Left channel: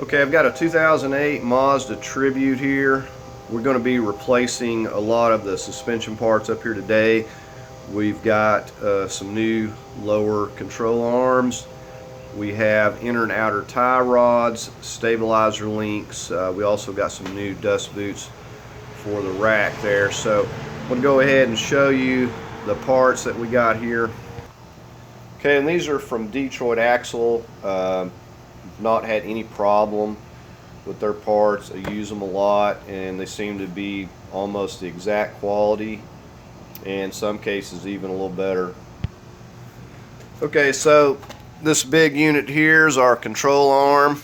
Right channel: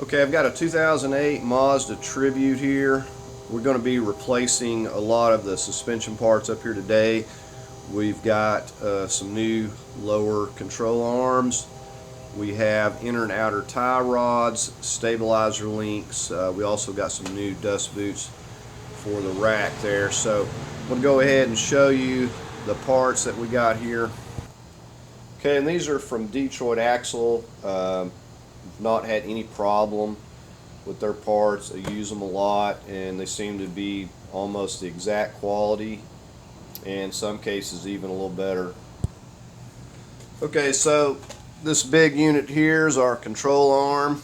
Okay, I've got a 2008 Mazda Tribute here. We're going to be replacing a lot of the suspension parts up here today. We've got some new lower control arms. We have inner and outer tie rods, stabilizer links. We also got some new dust boots for the rack there. So I'm going to go ahead and show you the parts that we got here. Okay, and these are from Detroit Axle. Not had any problem with their parts. I use them a lot and they seem to be almost the exact quality, and in some cases even a little better. Okay, so this big unit here is our control arm,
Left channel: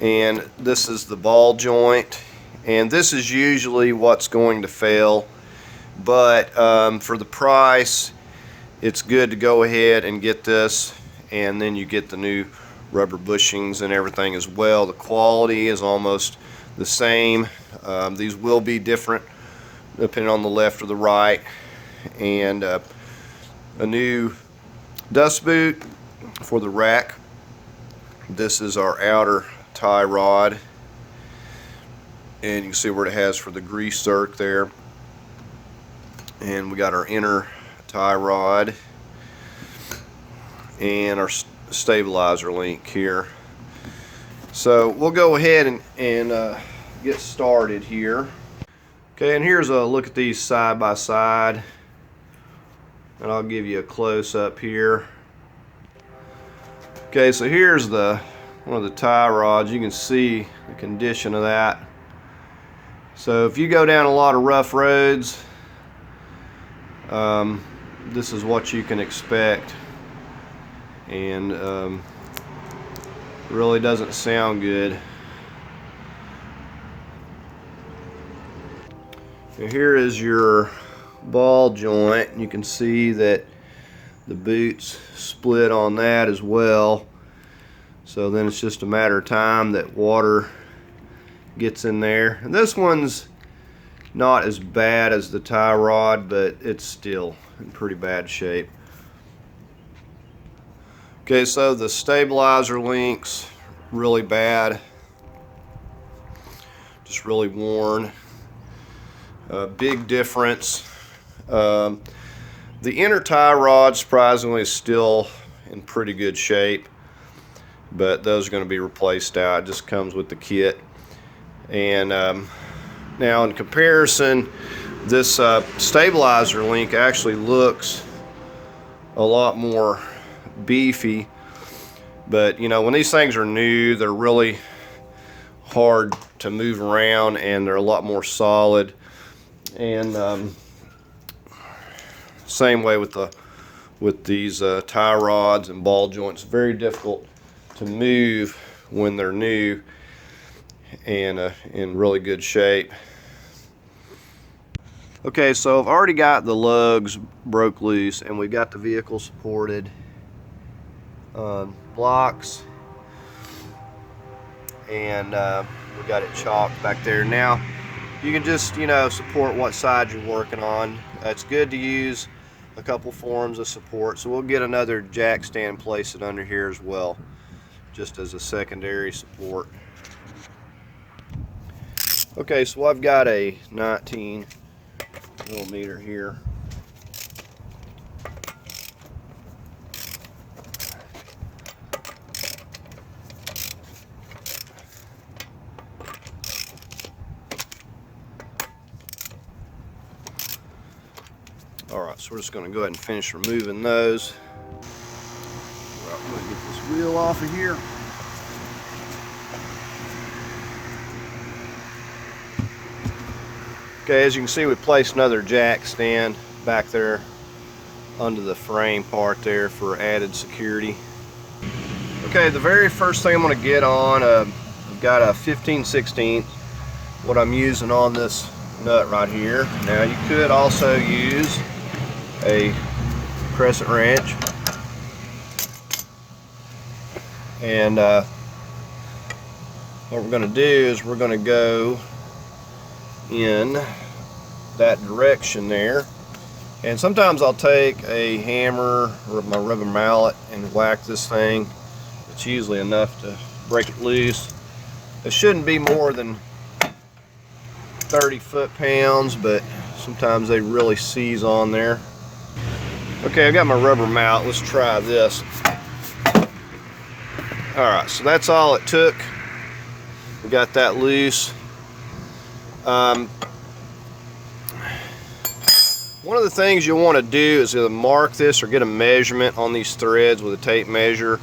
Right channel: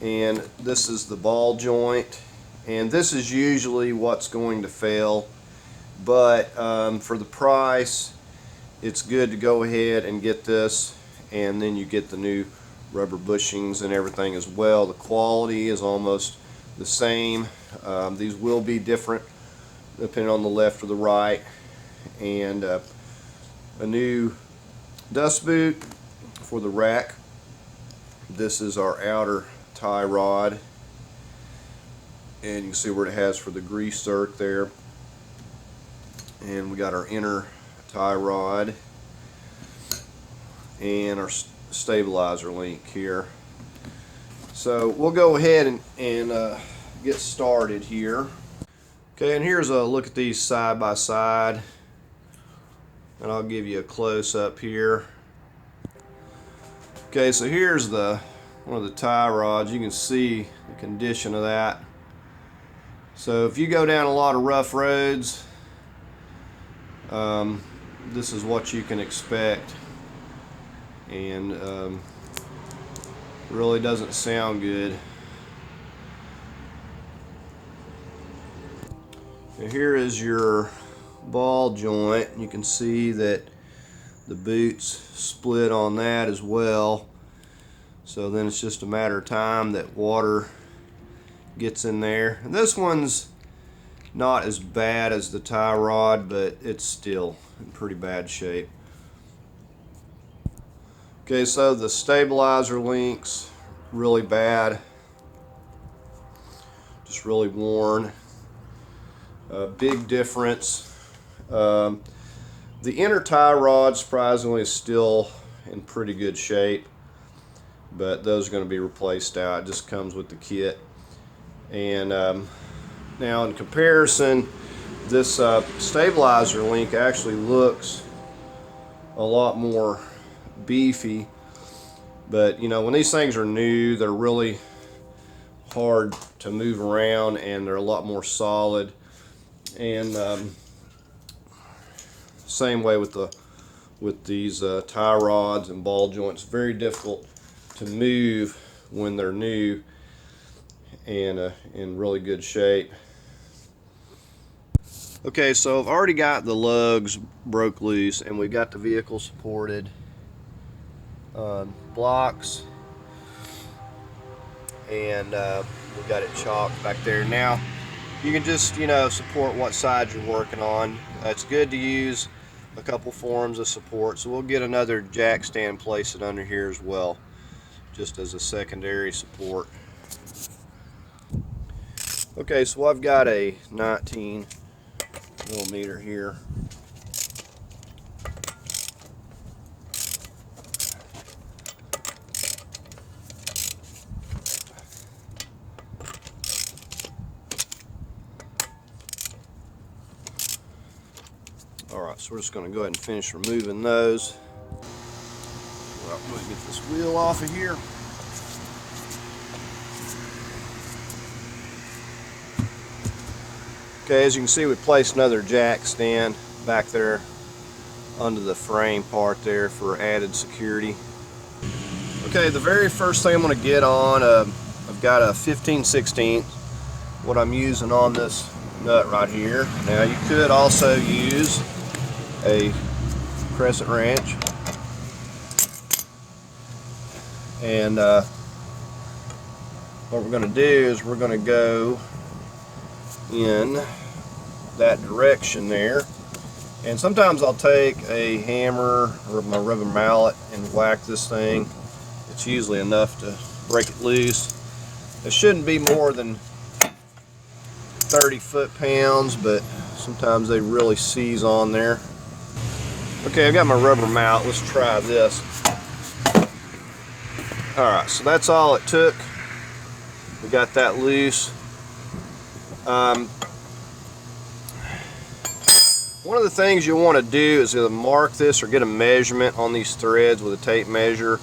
and this is the ball joint, and this is usually what's going to fail, but for the price it's good to go ahead and get this, and then you get the new rubber bushings and everything as well. The quality is almost the same. These will be different depending on the left or the right, and a new dust boot for the rack. This is our outer tie rod, and you can see where it has for the grease zerk there, and we got our inner tie rod and our stabilizer link here. So we'll go ahead and get started here. Okay, and here's a look at these side by side, and I'll give you a close-up here. Okay, so here's one of the tie rods. You can see the condition of that. So if you go down a lot of rough roads, this is what you can expect, and really doesn't sound good. Now here is your ball joint. You can see that the boot's split on that as well, so then it's just a matter of time that water gets in there. And this one's not as bad as the tie rod, but it's still in pretty bad shape. Okay, so the stabilizer links, really bad, just really worn. Big difference. The inner tie rod, surprisingly, is still in pretty good shape, but those are going to be replaced out. It just comes with the kit. And now in comparison, this stabilizer link actually looks a lot more beefy, but you know, when these things are new, they're really hard to move around, and they're a lot more solid. And same way with these tie rods and ball joints. Very difficult to move when they're new and in really good shape. Okay, so I've already got the lugs broke loose, and we've got the vehicle supported blocks, and we got it chalked back there. Now you can just, you know, support what side you're working on. It's good to use a couple forms of support, so we'll get another jack stand, place it under here as well, just as a secondary support. Okay, so I've got a 19 millimeter here. Alright, so we're just going to go ahead and finish removing those. Well, I'm going to get this wheel off of here. Okay, as you can see, we placed another jack stand back there under the frame part there for added security. Okay, the very first thing I'm going to get on, I've got a 15/16, what I'm using on this nut right here. Now you could also use a crescent wrench, and what we're going to do is we're going to go in that direction there, and sometimes I'll take a hammer or my rubber mallet and whack this thing. It's usually enough to break it loose. It shouldn't be more than 30 foot-pounds, but sometimes they really seize on there. Okay, I got my rubber mallet. Let's try this. Alright, so that's all it took. We got that loose. One of the things you'll want to do is either mark this or get a measurement on these threads with a tape measure,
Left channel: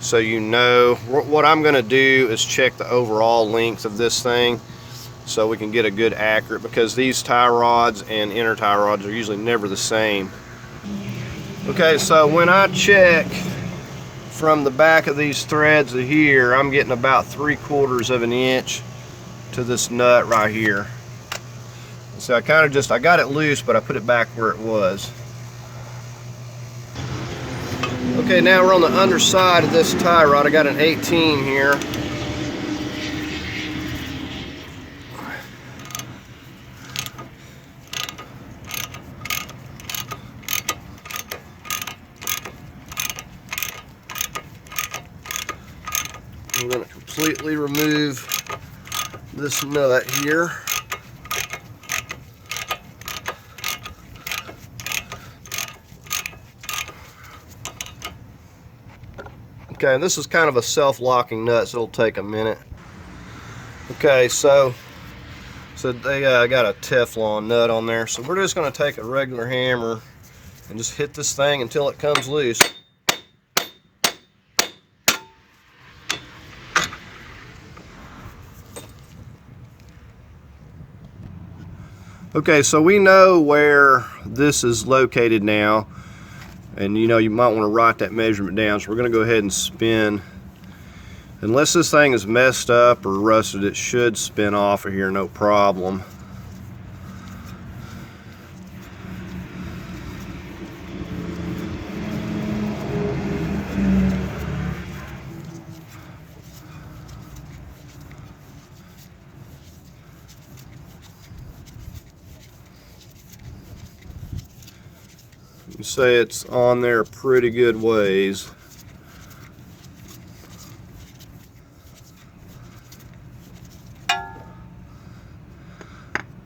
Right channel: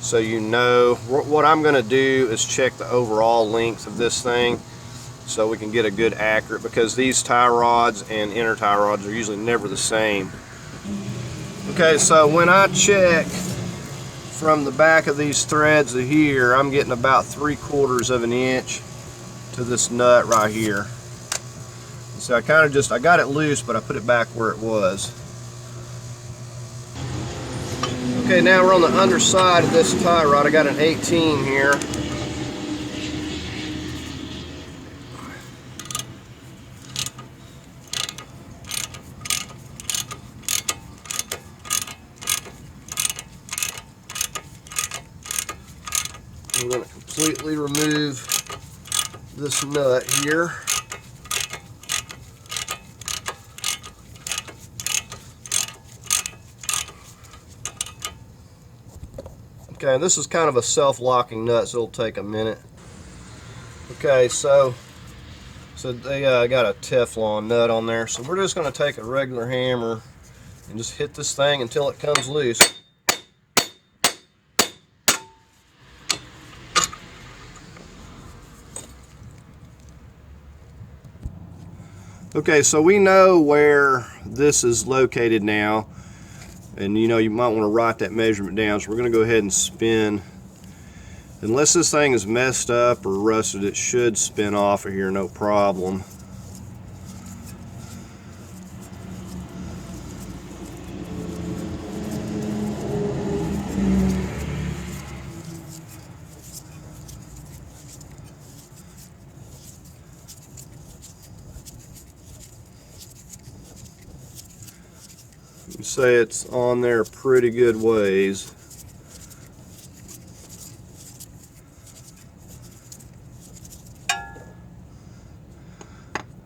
so you know. What I'm going to do is check the overall length of this thing so we can get a good accurate, because these tie rods and inner tie rods are usually never the same. Okay, so when I check from the back of these threads to here, I'm getting about 3/4 of an inch to this nut right here. So I got it loose, but I put it back where it was. Okay, now we're on the underside of this tie rod. I got an 18 here. I'm going to completely remove this nut here. Okay, this is kind of a self-locking nut, so it'll take a minute. Okay, so they got a Teflon nut on there, so we're just going to take a regular hammer and just hit this thing until it comes loose. Okay, so we know where this is located now, and you know you might want to write that measurement down. So we're going to go ahead and spin. Unless this thing is messed up or rusted, it should spin off of here no problem. You say it's on there pretty good ways.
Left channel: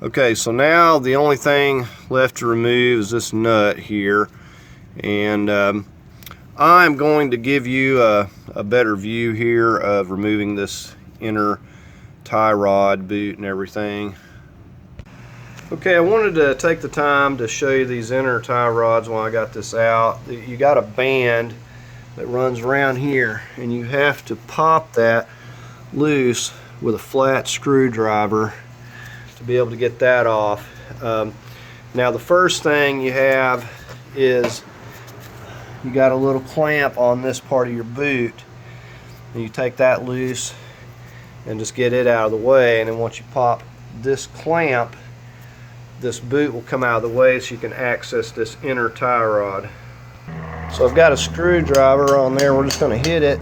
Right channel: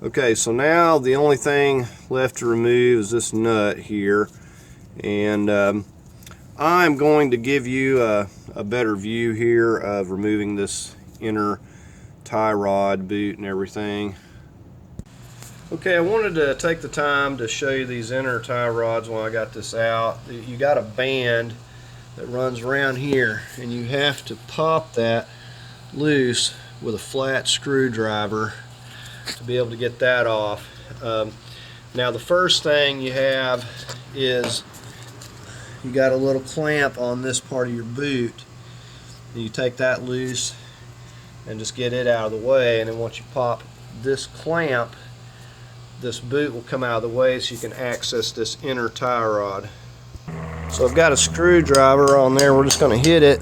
Okay, so now the only thing left to remove is this nut here, and I'm going to give you a better view here of removing this inner tie rod boot and everything. Okay, I wanted to take the time to show you these inner tie rods when I got this out. You got a band that runs around here, and you have to pop that loose with a flat screwdriver to be able to get that off. Now the first thing you have is you got a little clamp on this part of your boot, and you take that loose and just get it out of the way, and then once you pop this clamp, this boot will come out of the way so you can access this inner tie rod. So I've got a screwdriver on there. We're just going to hit it.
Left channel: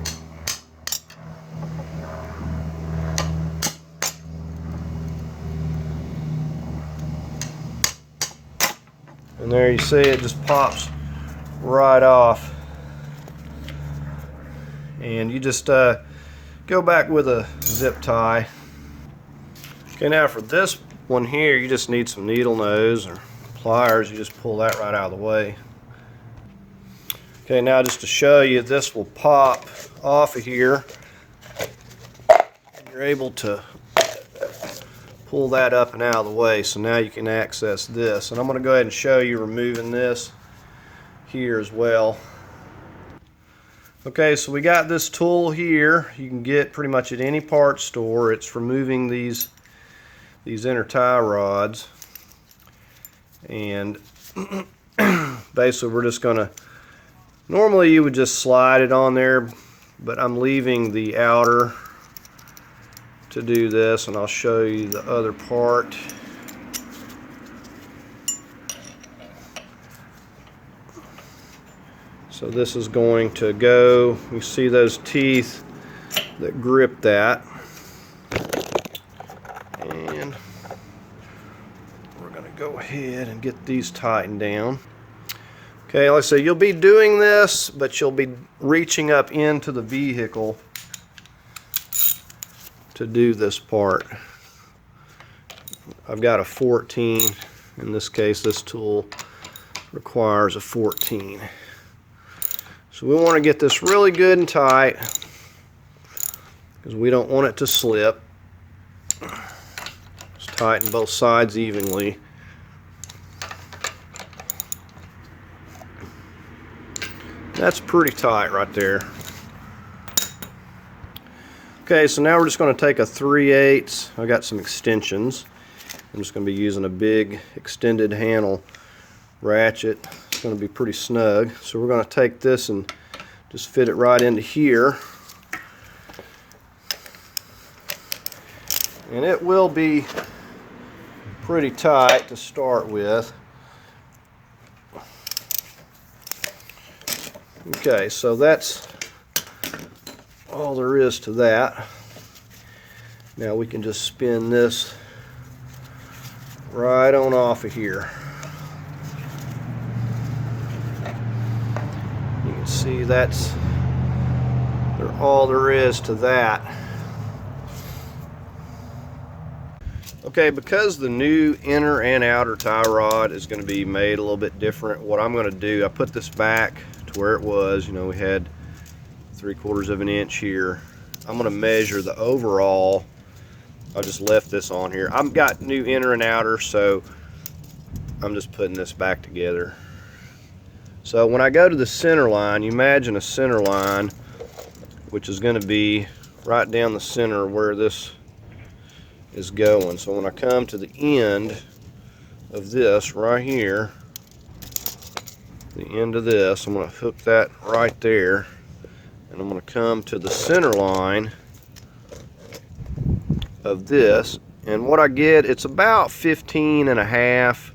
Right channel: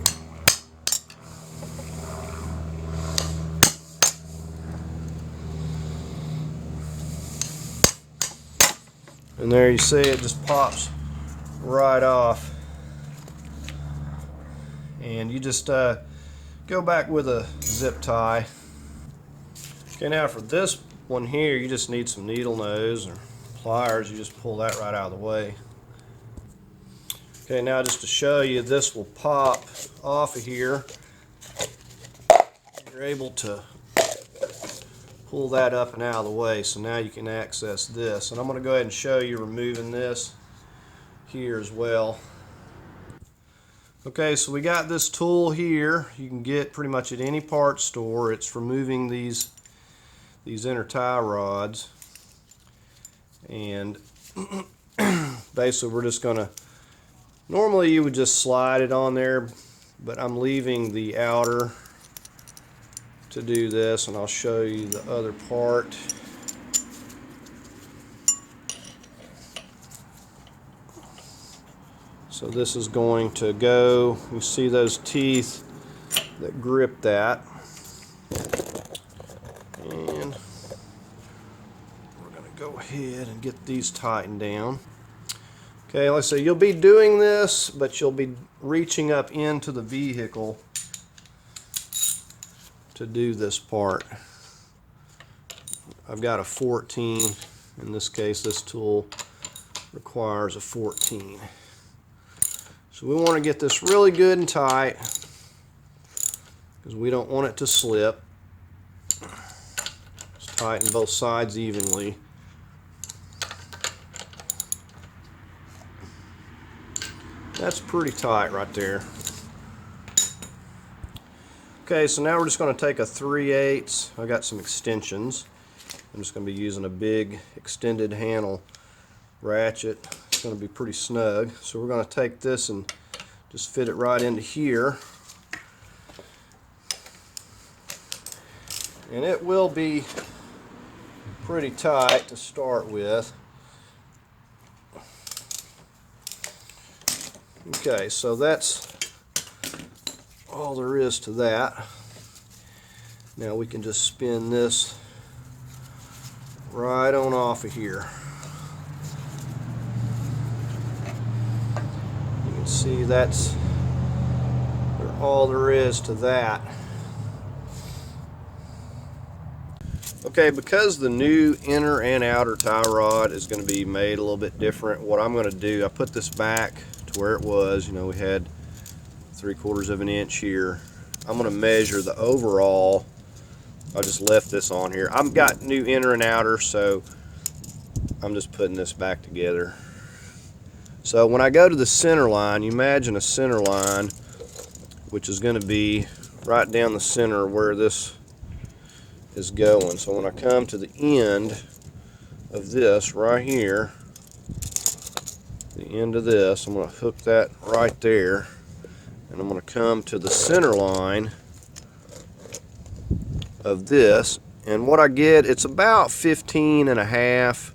And there you see it just pops right off. And you just go back with a zip tie. Okay, now for this one here, you just need some needle nose or pliers. You just pull that right out of the way. Okay, now just to show you, this will pop off of here. You're able to pull that up and out of the way, so now you can access this. And I'm going to go ahead and show you removing this here as well. Okay, so we got this tool here. You can get pretty much at any parts store. It's for moving these inner tie rods, and basically we're just gonna, normally you would just slide it on there, but I'm leaving the outer to do this, and I'll show you the other part. So this is going to go, you see those teeth that grip that. And we're going to go ahead and get these tightened down. Okay, let's say you'll be doing this, but you'll be reaching up into the vehicle to do this part. I've got a 14. In this case, this tool requires a 14. So we want to get this really good and tight because we don't want it to slip. Just tighten both sides evenly. That's pretty tight right there. Okay, so now we're just going to take a 3/8. I got some extensions. I'm just going to be using a big extended handle ratchet. It's going to be pretty snug. So we're going to take this and just fit it right into here. And it will be pretty tight to start with. Okay, so that's all there is to that. Now we can just spin this right on off of here. You can see that's all there is to that. Okay, because the new inner and outer tie rod is going to be made a little bit different, what I'm going to do, I put this back to where it was. You know, we had 3/4 of an inch here. I'm going to measure the overall. I just left this on here. I've got new inner and outer, so I'm just putting this back together. So when I go to the center line, you imagine a center line, which is going to be right down the center where this is going. So when I come to the end of this right here, the end of this, I'm going to hook that right there, and I'm going to come to the center line of this, and what I get, it's about 15.5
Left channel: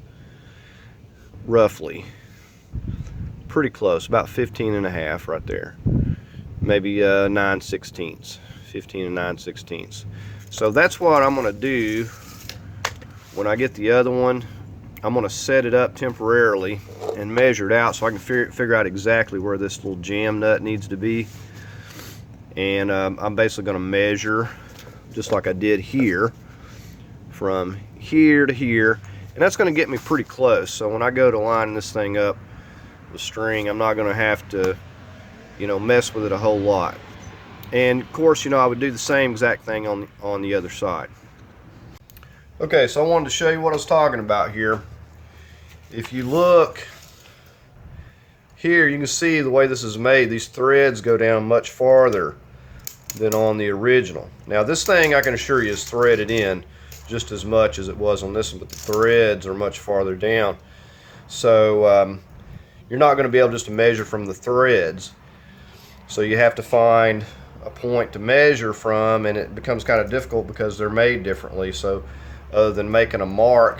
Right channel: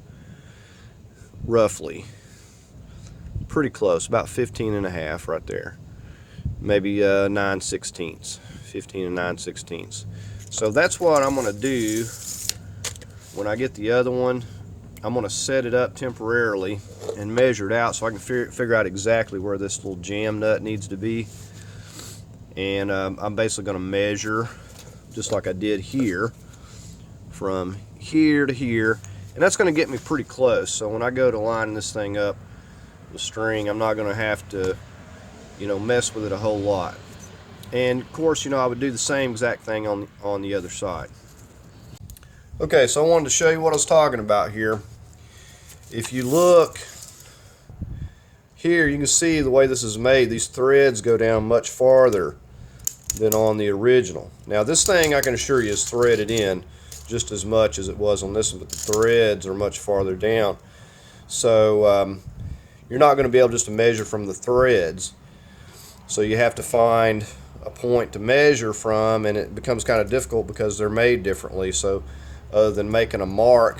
roughly, pretty close, about 15.5 right there, maybe 9/16, 15 and 9/16. So that's what I'm going to do when I get the other one. I'm going to set it up temporarily and measure it out so I can figure out exactly where this little jam nut needs to be. And I'm basically going to measure just like I did here, from here to here, and that's going to get me pretty close. So when I go to lining this thing up with string, I'm not going to have to, you know, mess with it a whole lot. And of course, you know, I would do the same exact thing on the other side. Okay, so I wanted to show you what I was talking about here. If you look here, you can see the way this is made. These threads go down much farther than on the original. Now this thing, I can assure you, is threaded in just as much as it was on this one, but the threads are much farther down. So you're not going to be able just to measure from the threads. So you have to find a point to measure from, and it becomes kind of difficult because they're made differently. So other than making a mark,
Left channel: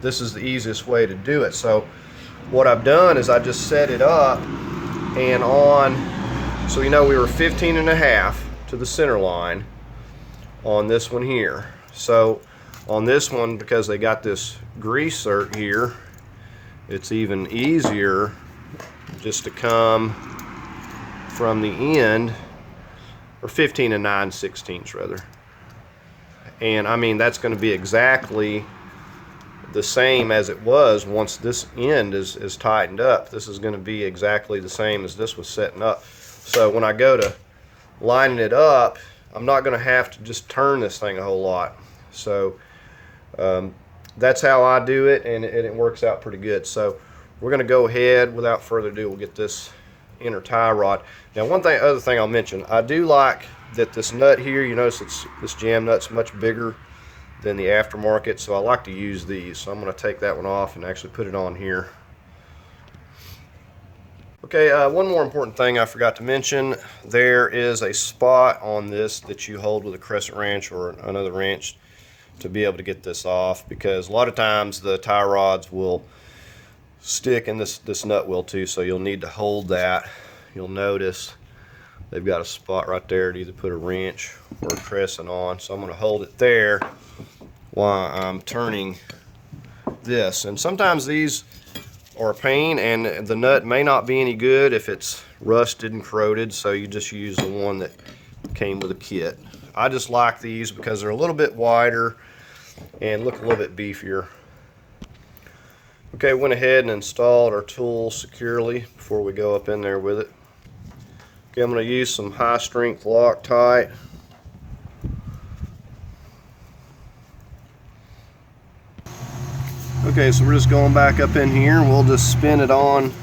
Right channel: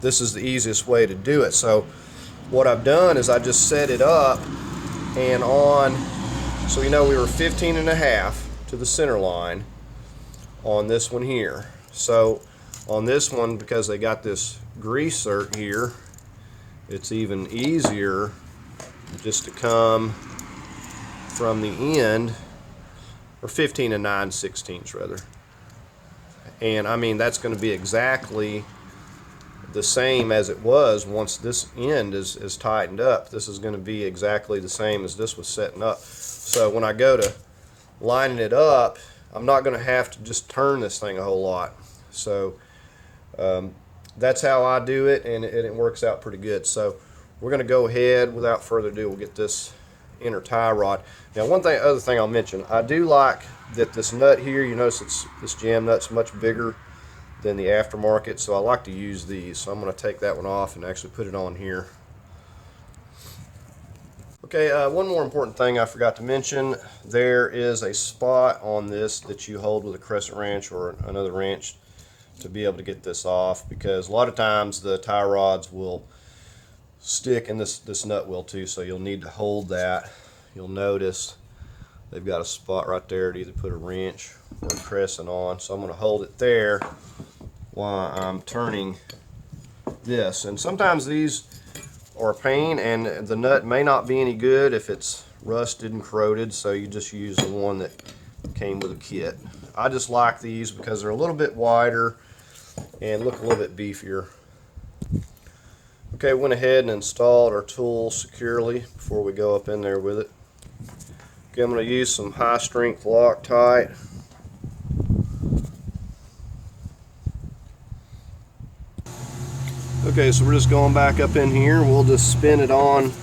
this is the easiest way to do it. So what I've done is I just set it up, and so you know we were 15.5 to the center line on this one here. So on this one, because they got this grease cert here, it's even easier just to come from the end, or 15 and 9/16 rather. And I mean, that's going to be exactly the same as it was once this end is tightened up. This is going to be exactly the same as this was setting up. So when I go to lining it up, I'm not going to have to just turn this thing a whole lot. So that's how I do it, and it works out pretty good. So we're going to go ahead, without further ado, we'll get this inner tie rod. Now other thing I'll mention, I do like that this nut here, you notice this jam nut's much bigger than the aftermarket, so I like to use these. So I'm going to take that one off and actually put it on here. Okay, one more important thing I forgot to mention. There is a spot on this that you hold with a crescent wrench or another wrench to be able to get this off, because a lot of times the tie rods will stick, and this nut will too, so you'll need to hold that. You'll notice they've got a spot right there to either put a wrench or a crescent on. So I'm going to hold it there while I'm turning this. And sometimes these are a pain, and the nut may not be any good if it's rusted and corroded, so you just use the one that came with a kit. I just like these because they're a little bit wider and look a little bit beefier. Okay, went ahead and installed our tool securely before we go up in there with it. Okay, I'm going to use some high strength Loctite. Okay, so we're just going back up in here and we'll just spin it on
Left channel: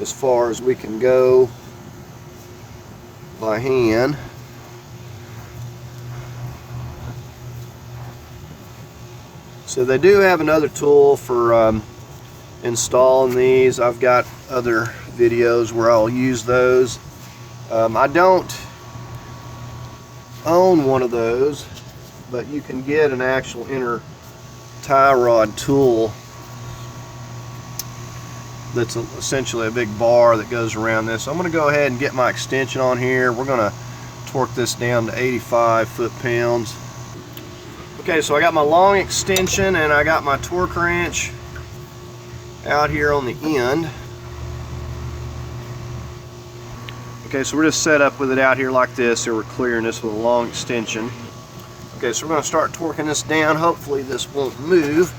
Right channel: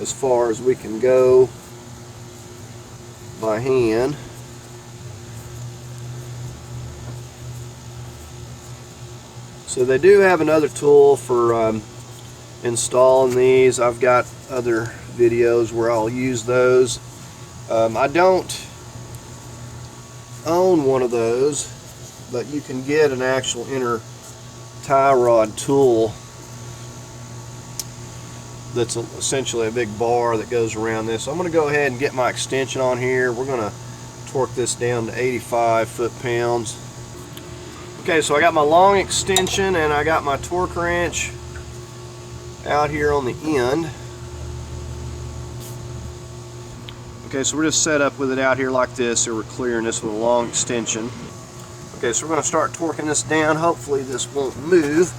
as far as we can go by hand. So they do have another tool for installing these. I've got other videos where I'll use those. I don't own one of those, but you can get an actual inner tie rod tool that's essentially a big bar that goes around this. I'm going to go ahead and get my extension on here. We're going to torque this down to 85 foot-pounds. Okay, so I got my long extension and I got my torque wrench out here on the end. Okay, so we're just set up with it out here like this, so we're clearing this with a long extension. Okay, so we're going to start torquing this down. Hopefully this won't move.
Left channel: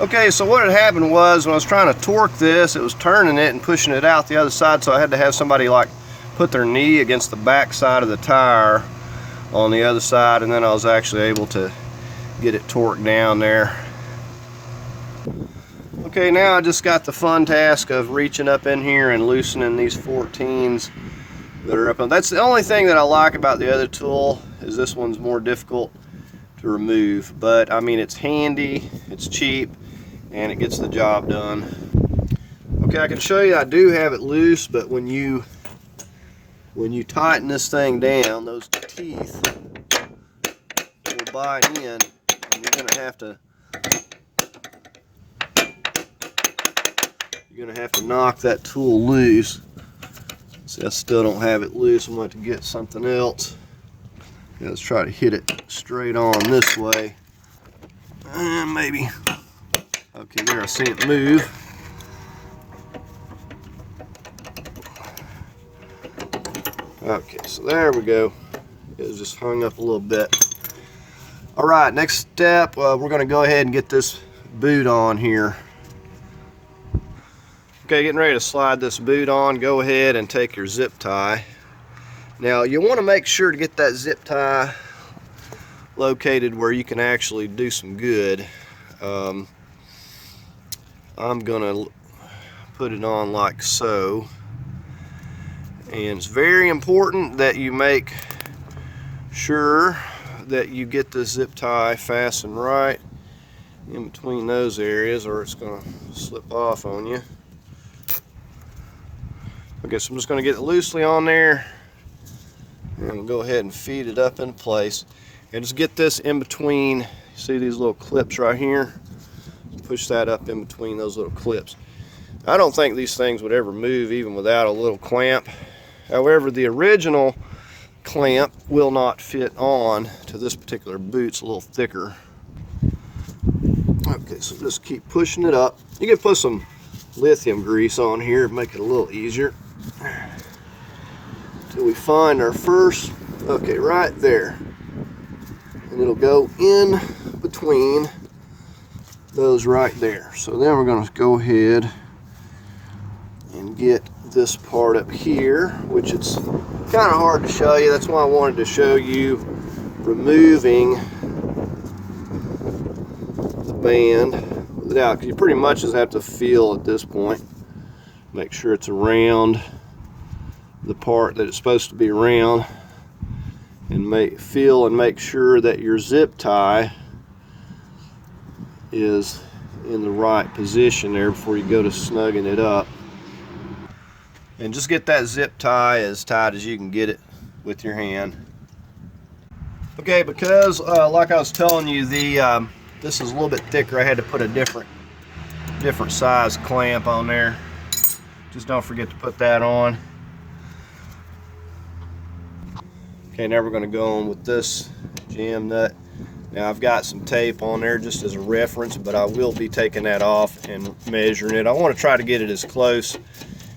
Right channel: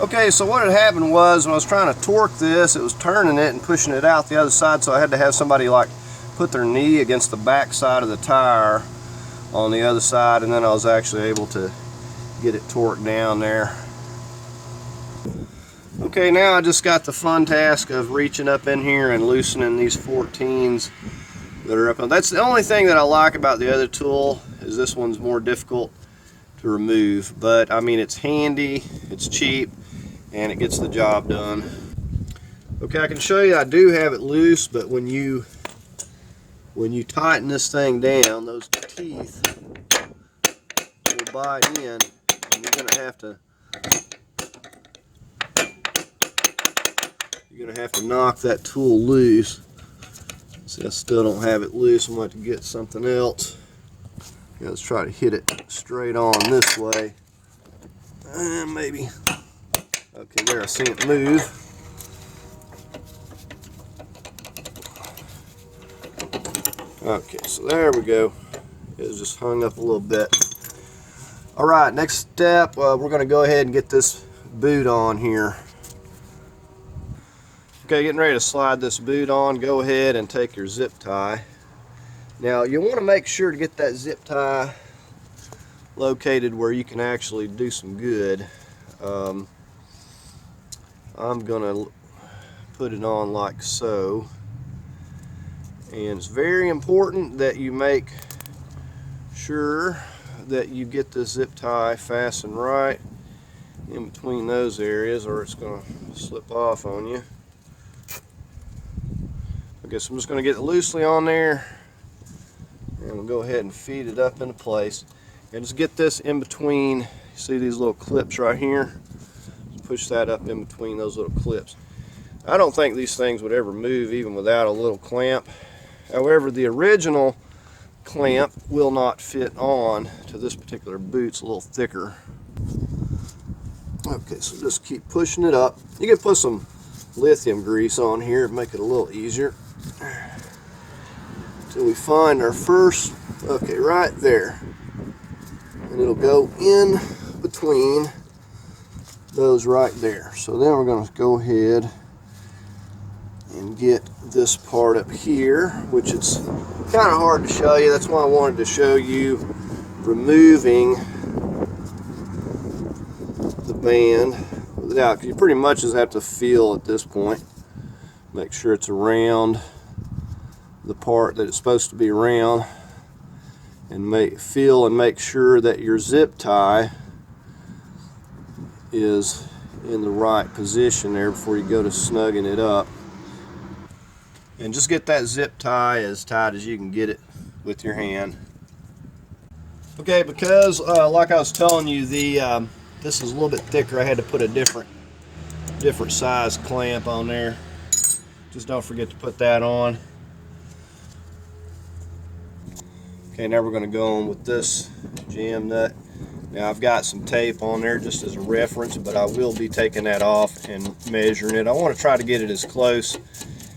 Okay, so what had happened was when I was trying to torque this, it was turning it and pushing it out the other side, so I had to have somebody like put their knee against the back side of the tire on the other side, and then I was actually able to get it torqued down there. Okay, now I just got the fun task of reaching up in here and loosening these 14s that are up on. That's the only thing that I like about the other tool, is this one's more difficult to remove, but I mean, it's handy, it's cheap, and it gets the job done. Okay, I can show you I do have it loose, but when you tighten this thing down, those teeth will bite in, and you're gonna have to knock that tool loose. See, I still don't have it loose. I'm going to have to get something else. Yeah, let's try to hit it straight on this way. And maybe. Okay, there, I see it move. Okay, so there we go. It was just hung up a little bit. All right, next step, we're going to go ahead and get this boot on here. Okay, getting ready to slide this boot on. Go ahead and take your zip tie. Now, you want to make sure to get that zip tie located where you can actually do some good. I'm going to put it on like so. And it's very important that you make sure that you get the zip tie fastened right in between those areas, or it's going to slip off on you. Okay, so I'm just going to get it loosely on there and go ahead and feed it up into place. And just get this in between, see these little clips right here? Push that up in between those little clips. I don't think these things would ever move even without a little clamp. However, the original clamp will not fit on to this particular boot. It's a little thicker. Okay, so just keep pushing it up. You can put some lithium grease on here to make it a little easier. Until we find our first, okay, right there. And it'll go in between those right there. So then we're going to go ahead and get this part up here, which it's kind of hard to show you. That's why I wanted to show you removing the band without, because you pretty much just have to feel at this point. Make sure it's around the part that it's supposed to be around, and feel and make sure that your zip tie is in the right position there before you go to snugging it up. And just get that zip tie as tight as you can get it with your hand. Okay, because like I was telling you, this is a little bit thicker, I had to put a different size clamp on there. Just don't forget to put that on. Okay, now we're going to go on with this jam nut. Now I've got some tape on there just as a reference, but I will be taking that off and measuring it. I want to try to get it as close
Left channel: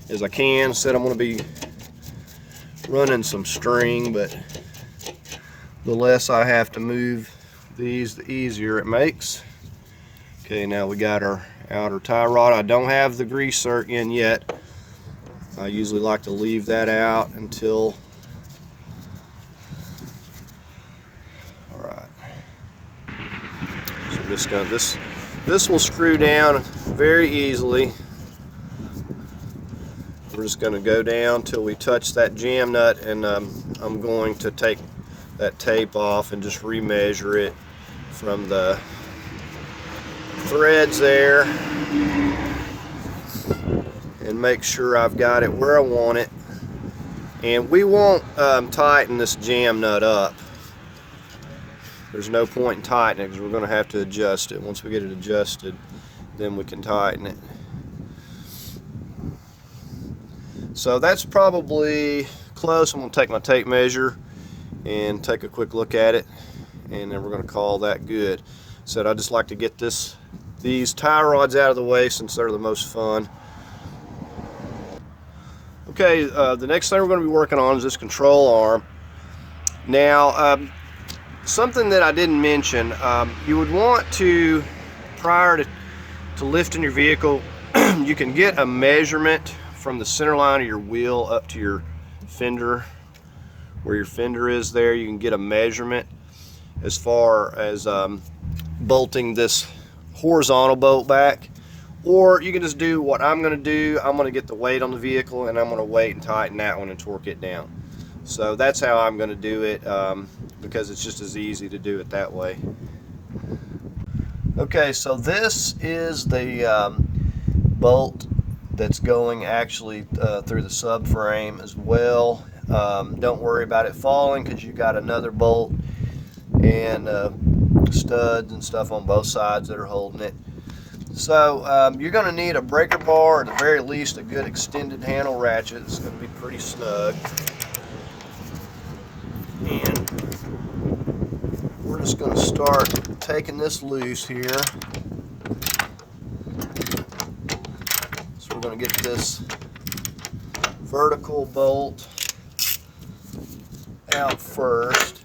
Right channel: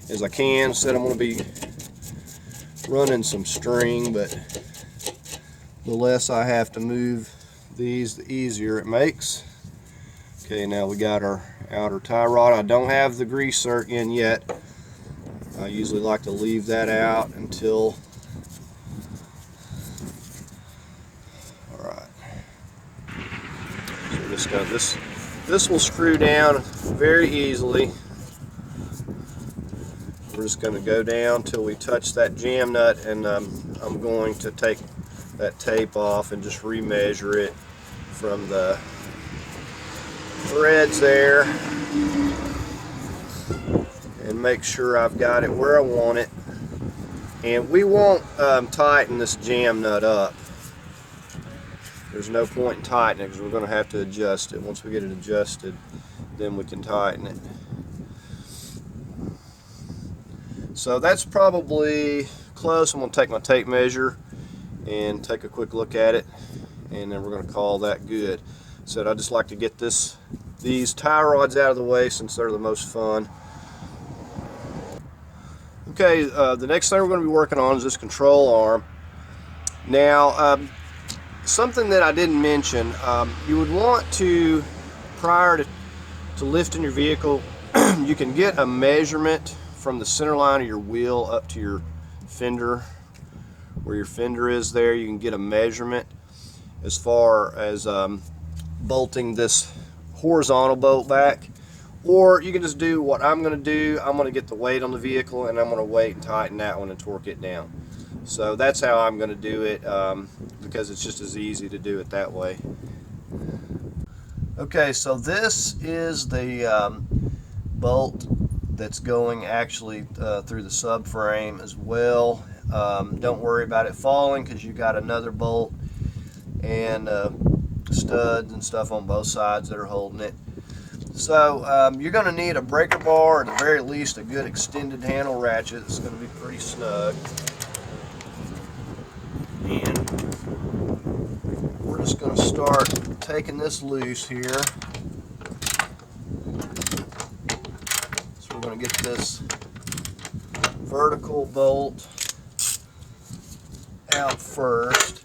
as I can. Said I'm going to be running some string, but the less I have to move these, the easier it makes. Okay, now we got our outer tie rod. I don't have the grease zerk in yet. I usually like to leave that out until. Alright. So this will screw down very easily. We're just going to go down till we touch that jam nut, and I'm going to take that tape off and just remeasure it from the threads there and make sure I've got it where I want it. And we won't tighten this jam nut up. There's no point in tightening it because we're going to have to adjust it. Once we get it adjusted, then we can tighten it. So that's probably close. I'm going to take my tape measure and take a quick look at it, and then we're going to call that good. So I just like to get these tie rods out of the way since they're the most fun. Okay, the next thing we're going to be working on is this control arm. Now, something that I didn't mention, you would want to, prior to lifting your vehicle, you can get a measurement from the center line of your wheel up to your fender, where your fender is there. You can get a measurement as far as bolting this horizontal bolt back, or you can just do what I'm going to do. I'm going to get the weight on the vehicle, and I'm going to weight and tighten that one and torque it down. So that's how I'm going to do it, because it's just as easy to do it that way. Okay, so this is the bolt that's going actually through the subframe as well. Don't worry about it falling because you got another bolt and studs and stuff on both sides that are holding it. So you're going to need a breaker bar, or at the very least a good extended handle ratchet. It's going to be pretty snug. And we're just going to start taking this loose here. So we're going to get this vertical bolt out first.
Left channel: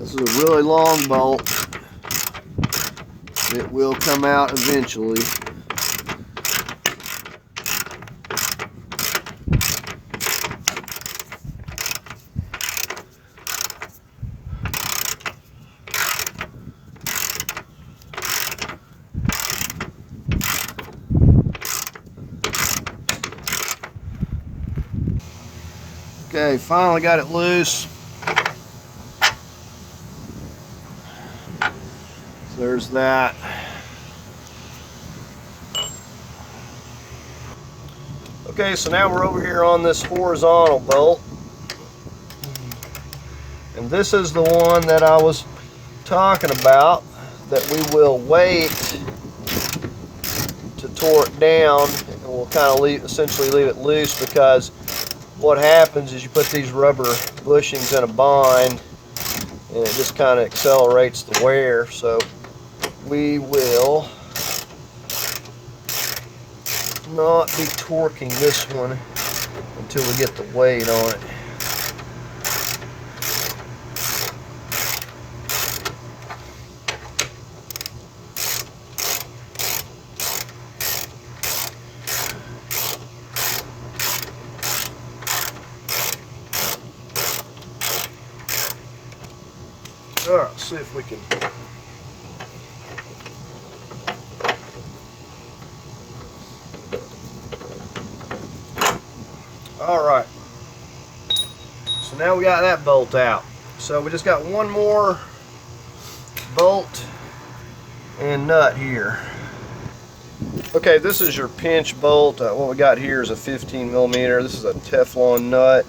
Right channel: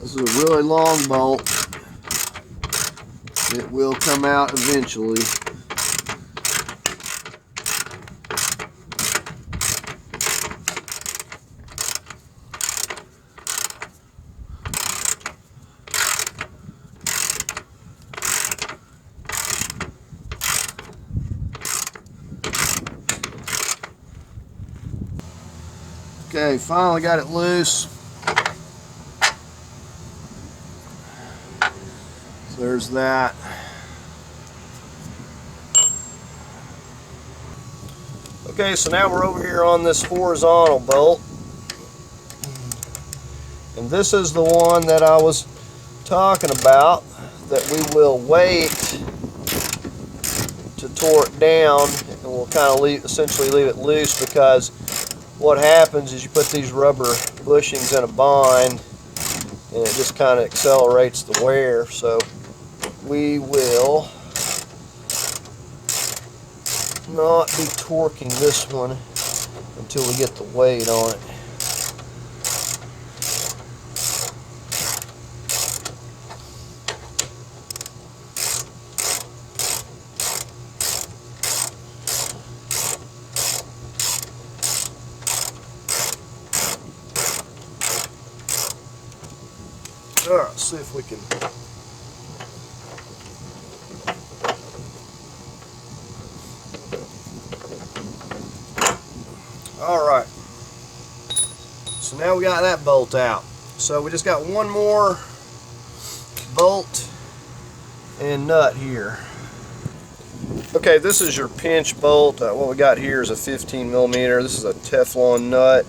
This is a really long bolt. It will come out eventually. Okay, finally got it loose. So there's that. Okay, so now we're over here on this horizontal bolt. And this is the one that I was talking about that we will wait to torque down, and we'll kind of essentially leave it loose, because what happens is you put these rubber bushings in a bind and it just kind of accelerates the wear. So we will not be torquing this one until we get the weight on it. All right, let's see if we can. All right, so now we got that bolt out. So we just got one more bolt and nut here. Okay, this is your pinch bolt. What we got here is a 15 millimeter. This is a Teflon nut.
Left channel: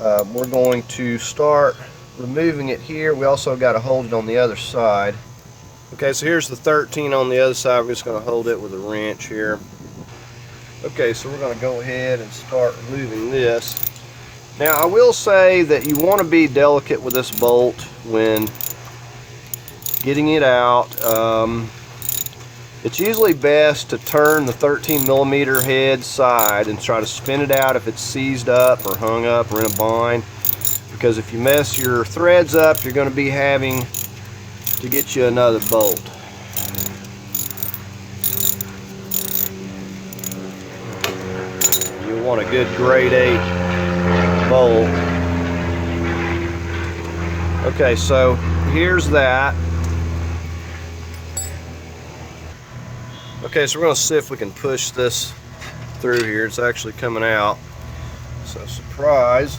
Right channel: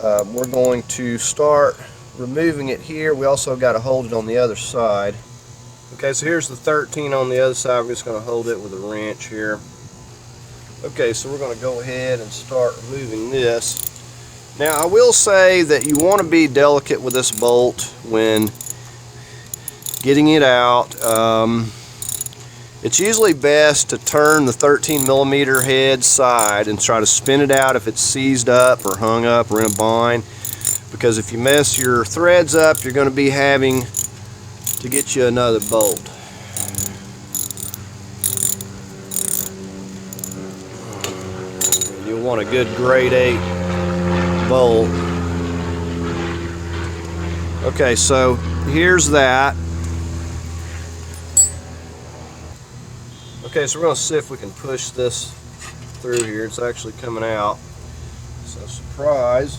we're going to start removing it here. We also got to hold it on the other side. Okay, so here's the 13 on the other side. We're just going to hold it with a wrench here. Okay, so we're going to go ahead and start removing this. Now, I will say that you want to be delicate with this bolt when getting it out. It's usually best to turn the 13mm head side and try to spin it out if it's seized up or hung up or in a bind, because if you mess your threads up, you're going to be having to get you another bolt. You want a good grade 8 bolt. Okay, so here's that. Okay, so we're going to see if we can push this through here. It's actually coming out. So, surprise.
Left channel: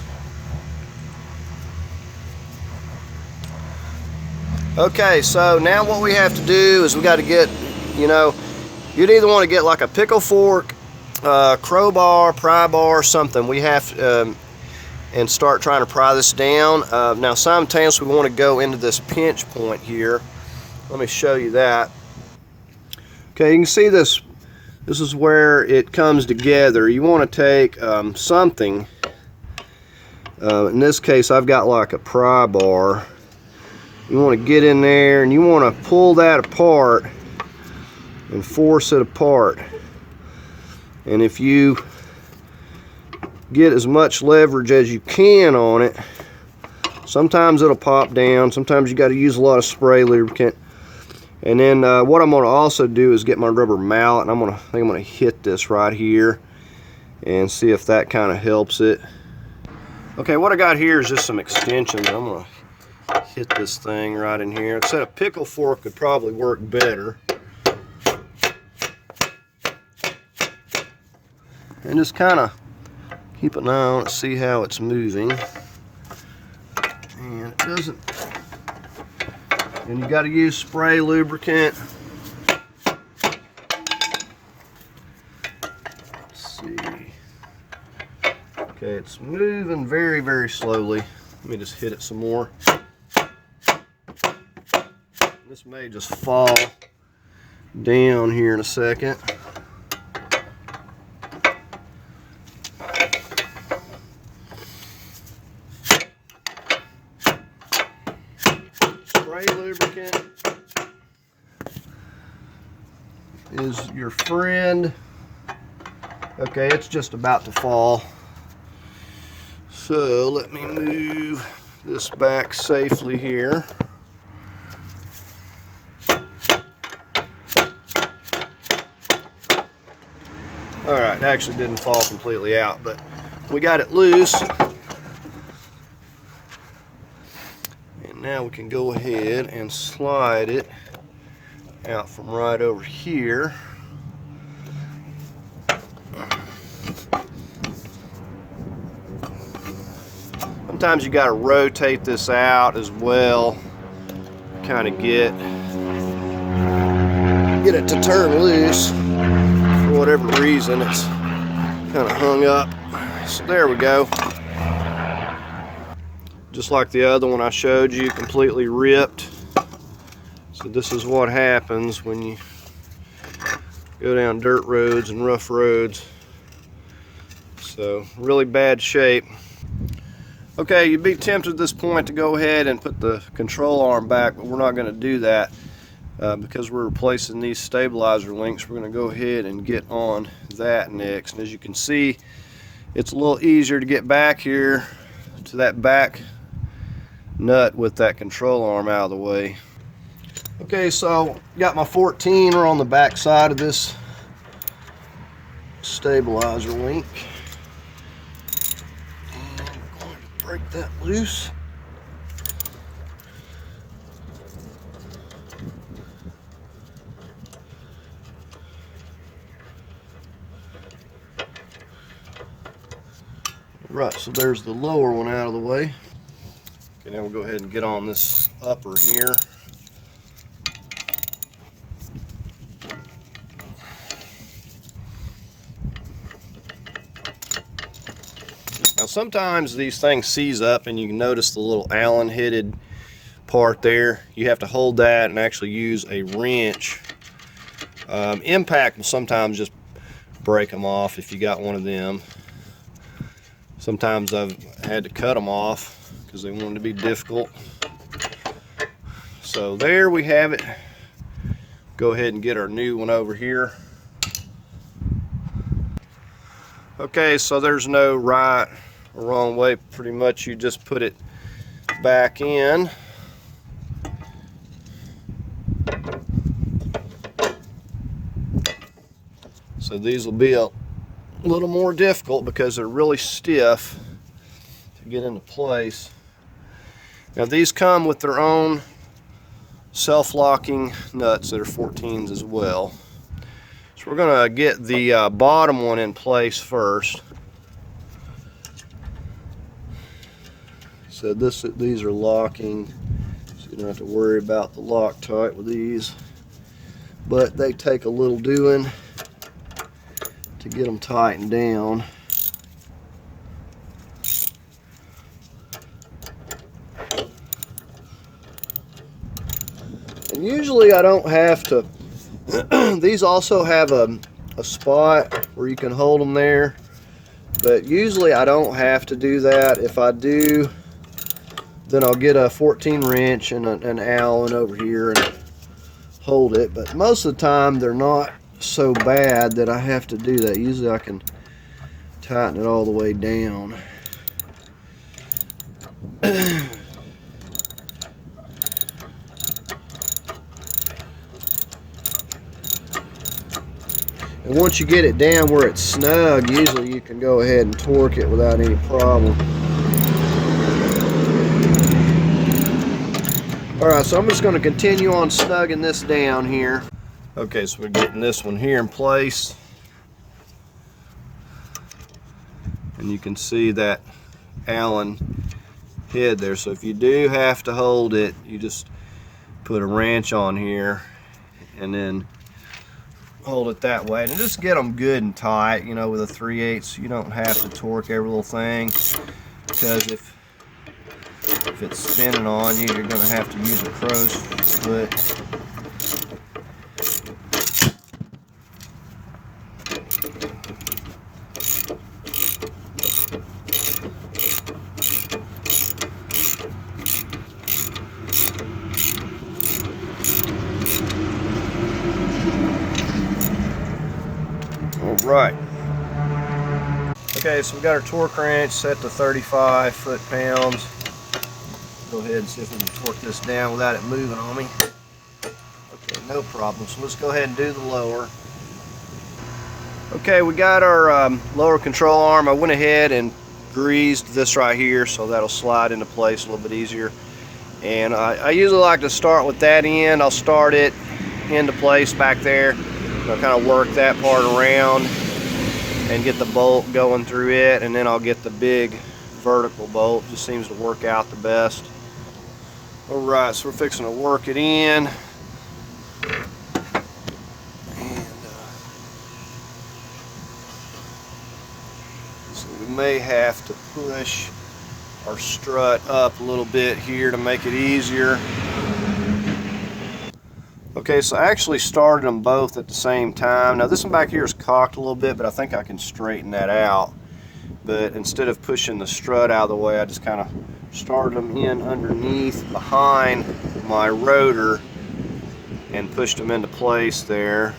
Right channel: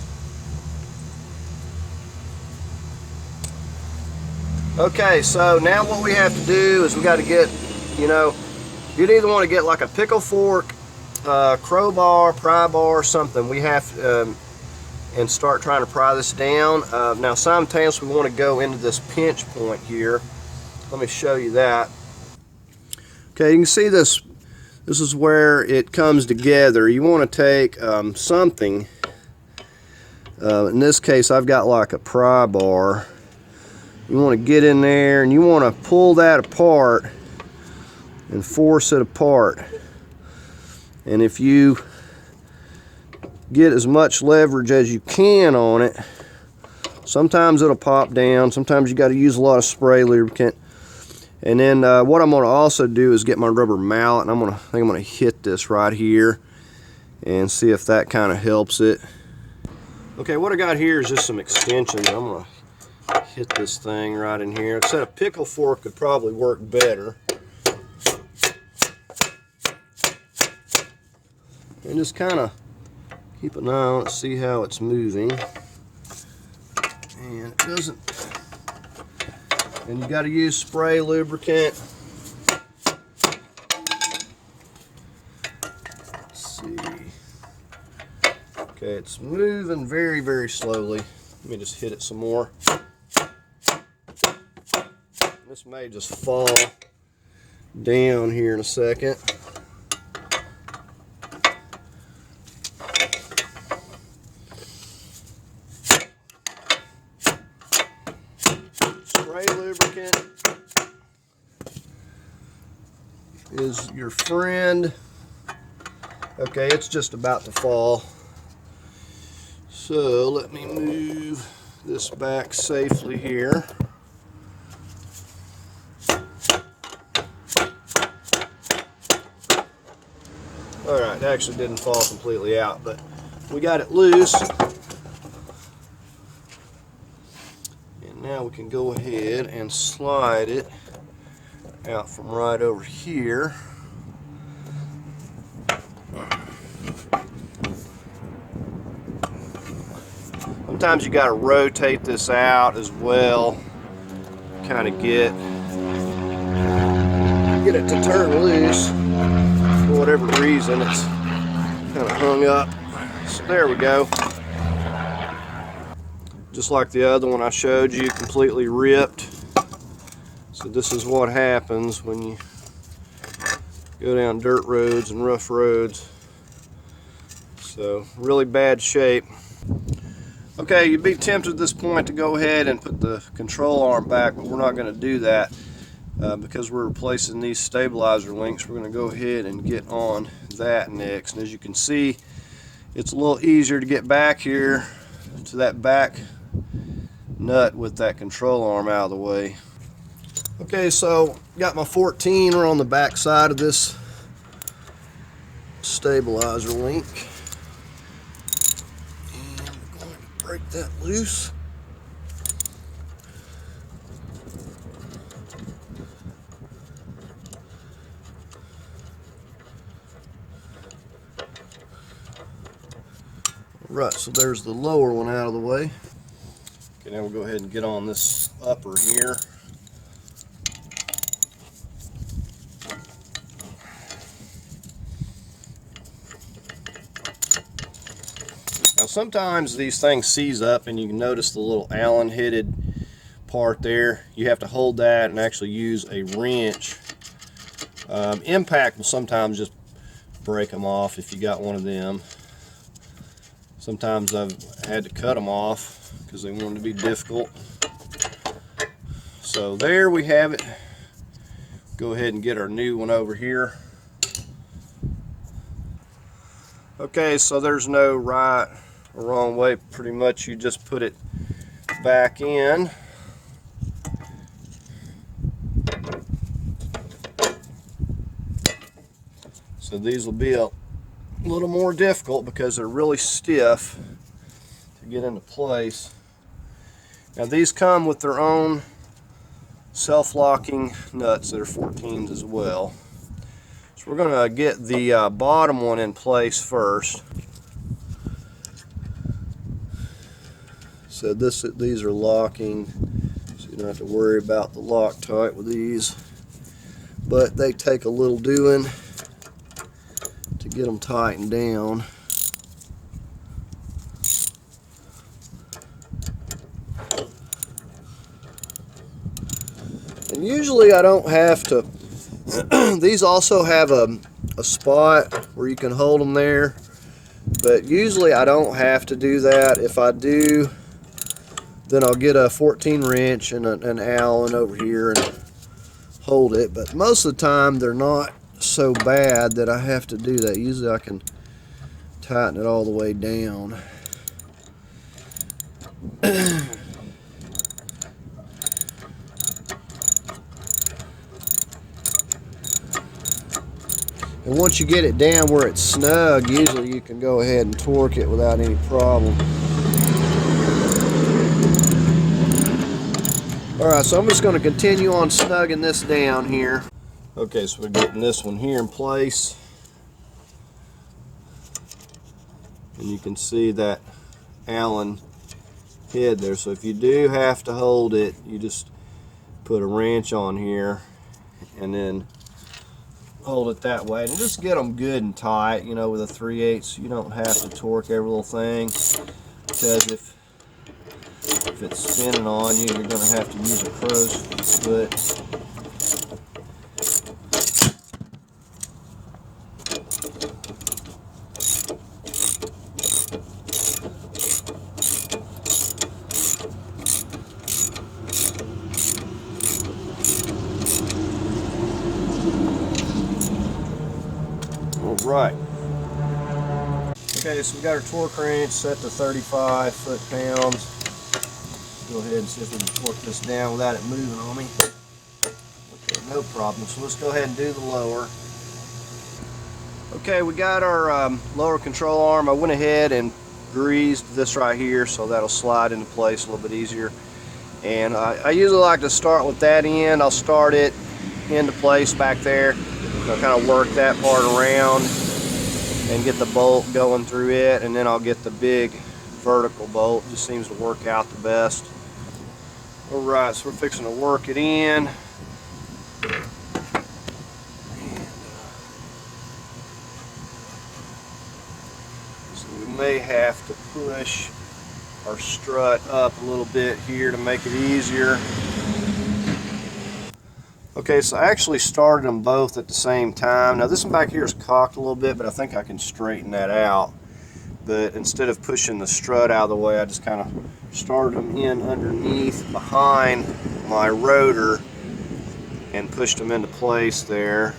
Okay, so now what we have to do is we got to get, you'd either want to get like a pickle fork, crowbar, pry bar, something. We have and start trying to pry this down. Now, simultaneously, we want to go into this pinch point here. Let me show you that. Okay, you can see this. This is where it comes together. You want to take something. In this case, I've got like a pry bar. You want to get in there and you want to pull that apart and force it apart. And if you get as much leverage as you can on it, sometimes it'll pop down. Sometimes you got to use a lot of spray lubricant. And then what I'm going to also do is get my rubber mallet, and I think I'm going to hit this right here and see if that kind of helps it. Okay, what I got here is just some extensions. I'm going to hit this thing right in here. Instead of pickle fork could probably work better. And just kind of keep an eye on it, see how it's moving. And it doesn't. And you got to use spray lubricant. Let's see. Okay, it's moving very, very slowly. Let me just hit it some more. This may just fall down here in a second. Spray lubricant is your friend. Okay, it's just about to fall. So let me move this back safely here. Alright, it actually didn't fall completely out, but we got it loose. And now we can go ahead and slide it out from right over here. Sometimes you got to rotate this out as well, kind of get it to turn loose. For whatever reason, it's kind of hung up. So there we go. Just like the other one I showed you, completely ripped. So this is what happens when you go down dirt roads and rough roads. So really bad shape. Okay, you'd be tempted at this point to go ahead and put the control arm back, but we're not going to do that because we're replacing these stabilizer links. We're going to go ahead and get on that next. And as you can see, it's a little easier to get back here to that back nut with that control arm out of the way. Okay, so got my 14er on the back side of this stabilizer link. Break that loose. Right, so there's the lower one out of the way. Okay, now we'll go ahead and get on this upper here. Now sometimes these things seize up and you can notice the little Allen headed part there. You have to hold that and actually use a wrench. Impact will sometimes just break them off if you got one of them. Sometimes I've had to cut them off because they wanted to be difficult. So there we have it. Go ahead and get our new one over here. Okay, so there's no right or wrong way. Pretty much you just put it back in. So these will be a little more difficult because they're really stiff to get into place. Now these come with their own self-locking nuts that are 14s as well. So we're going to get the bottom one in place first. So these are locking, so you don't have to worry about the Loctite with these, but they take a little doing to get them tightened down. And usually I don't have to. These also have a spot where you can hold them there, but usually I don't have to do that. If I do, then I'll get a 14 wrench and an Allen over here and hold it. But most of the time they're not so bad that I have to do that. Usually I can tighten it all the way down. And once you get it down where it's snug, usually you can go ahead and torque it without any problem. Alright, so I'm just going to continue on snugging this down here. Okay, so we're getting this one here in place. And you can see that Allen head there. So if you do have to hold it, you just put a wrench on here and then hold it that way. And just get them good and tight, you know, with a 3/8. You don't have to torque every little thing, because if it's spinning on you, you're going to have to use a crow's foot. Right. Okay, so we got our torque wrench set to 35 foot-pounds. Go ahead and see if we can torque this down without it moving on me. Okay, no problem. So let's go ahead and do the lower. Okay, we got our lower control arm. I went ahead and greased this right here so that'll slide into place a little bit easier. And I usually like to start with that end. I'll start it into place back there. I'll kind of work that part around and get the bolt going through it, and then I'll get the big vertical bolt. Just seems to work out the best. Alright, so we're fixing to work it in. So we may have to push our strut up a little bit here to make it easier. Okay, so I actually started them both at the same time. Now this one back here is cocked a little bit, but I think I can straighten that out. But instead of pushing the strut out of the way, I just kind of started them in underneath behind my rotor and pushed them into place there.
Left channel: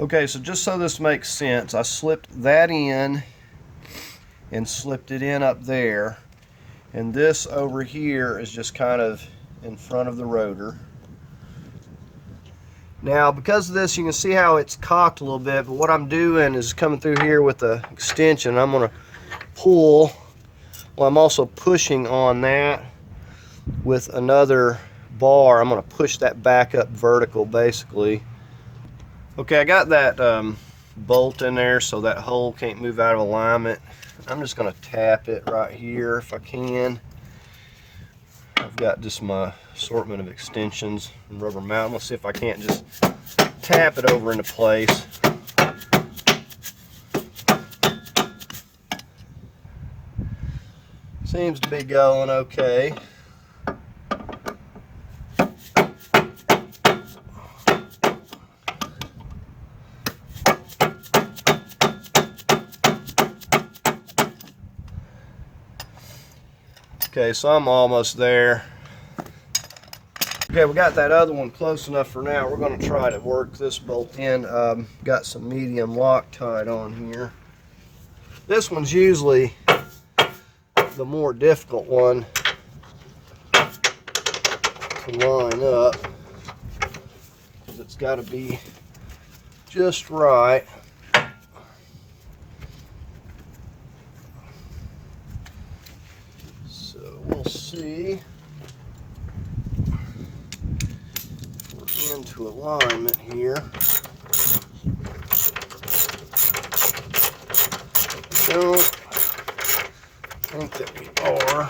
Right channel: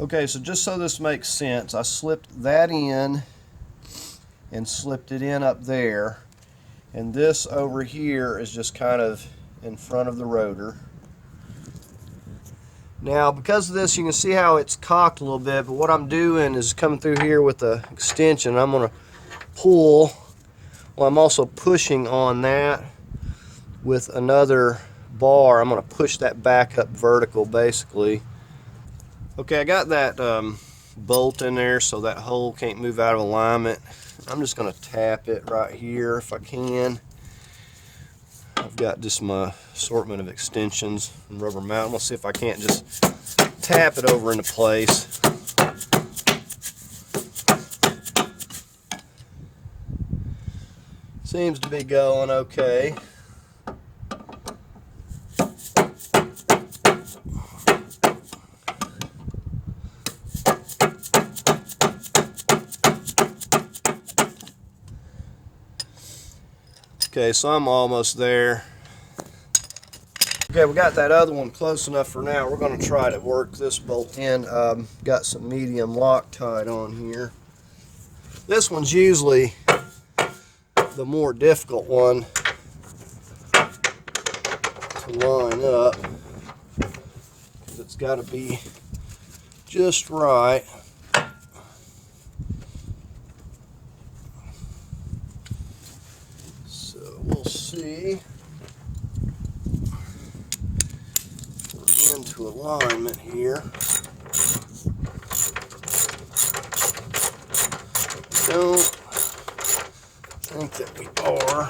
Okay, so just so this makes sense, I slipped that in and slipped it in up there. And this over here is just kind of in front of the rotor. Now because of this, you can see how it's cocked a little bit, but what I'm doing is coming through here with the extension. I'm going to pull while I'm also pushing on that with another bar. I'm going to push that back up vertical basically. Okay, I got that bolt in there so that hole can't move out of alignment. I'm just going to tap it right here if I can. I've got just my assortment of extensions and rubber mount. I'm going to see if I can't just tap it over into place. Seems to be going okay. Okay, so I'm almost there. Okay, we got that other one close enough for now. We're going to try to work this bolt in. Got some medium Loctite on here. This one's usually the more difficult one to line up because it's got to be just right. So we'll see. Into alignment here. Don't think that we are.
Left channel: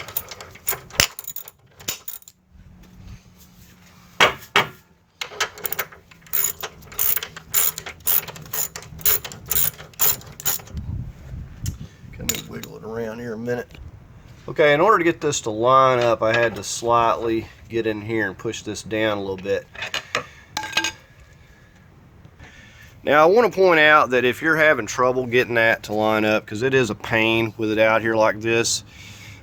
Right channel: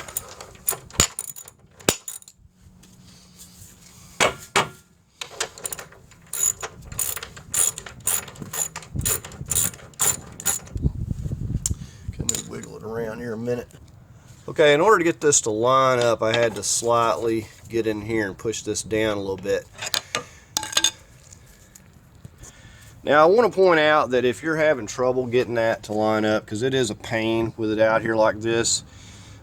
Can we wiggle it around here a minute? Okay, in order to get this to line up, I had to slightly get in here and push this down a little bit. Now I want to point out that if you're having trouble getting that to line up, because it is a pain with it out here like this,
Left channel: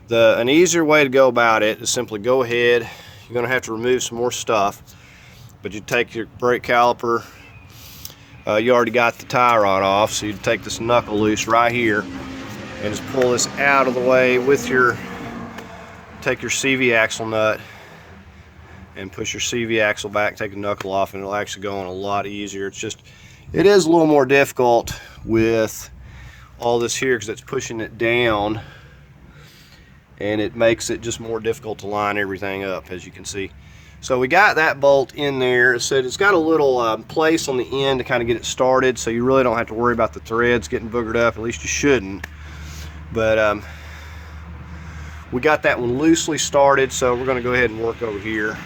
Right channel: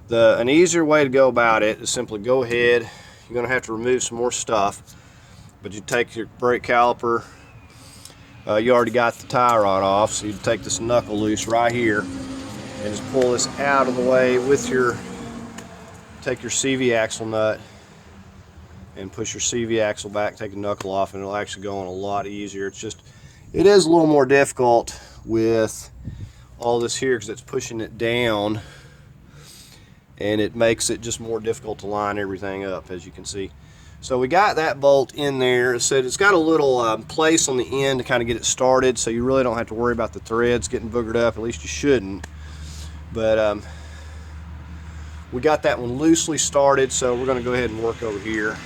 an easier way to go about it is simply go ahead. You're going to have to remove some more stuff, but you take your brake caliper. You already got the tie rod off, so you take this knuckle loose right here and just pull this out of the way with take your CV axle nut and push your CV axle back, take the knuckle off, and it'll actually go on a lot easier. It is a little more difficult with all this here because it's pushing it down, and it makes it just more difficult to line everything up, as you can see. So we got that bolt in there. It said it's got a little place on the end to kind of get it started, so you really don't have to worry about the threads getting boogered up. At least you shouldn't. But we got that one loosely started, so we're going to go ahead and work over here.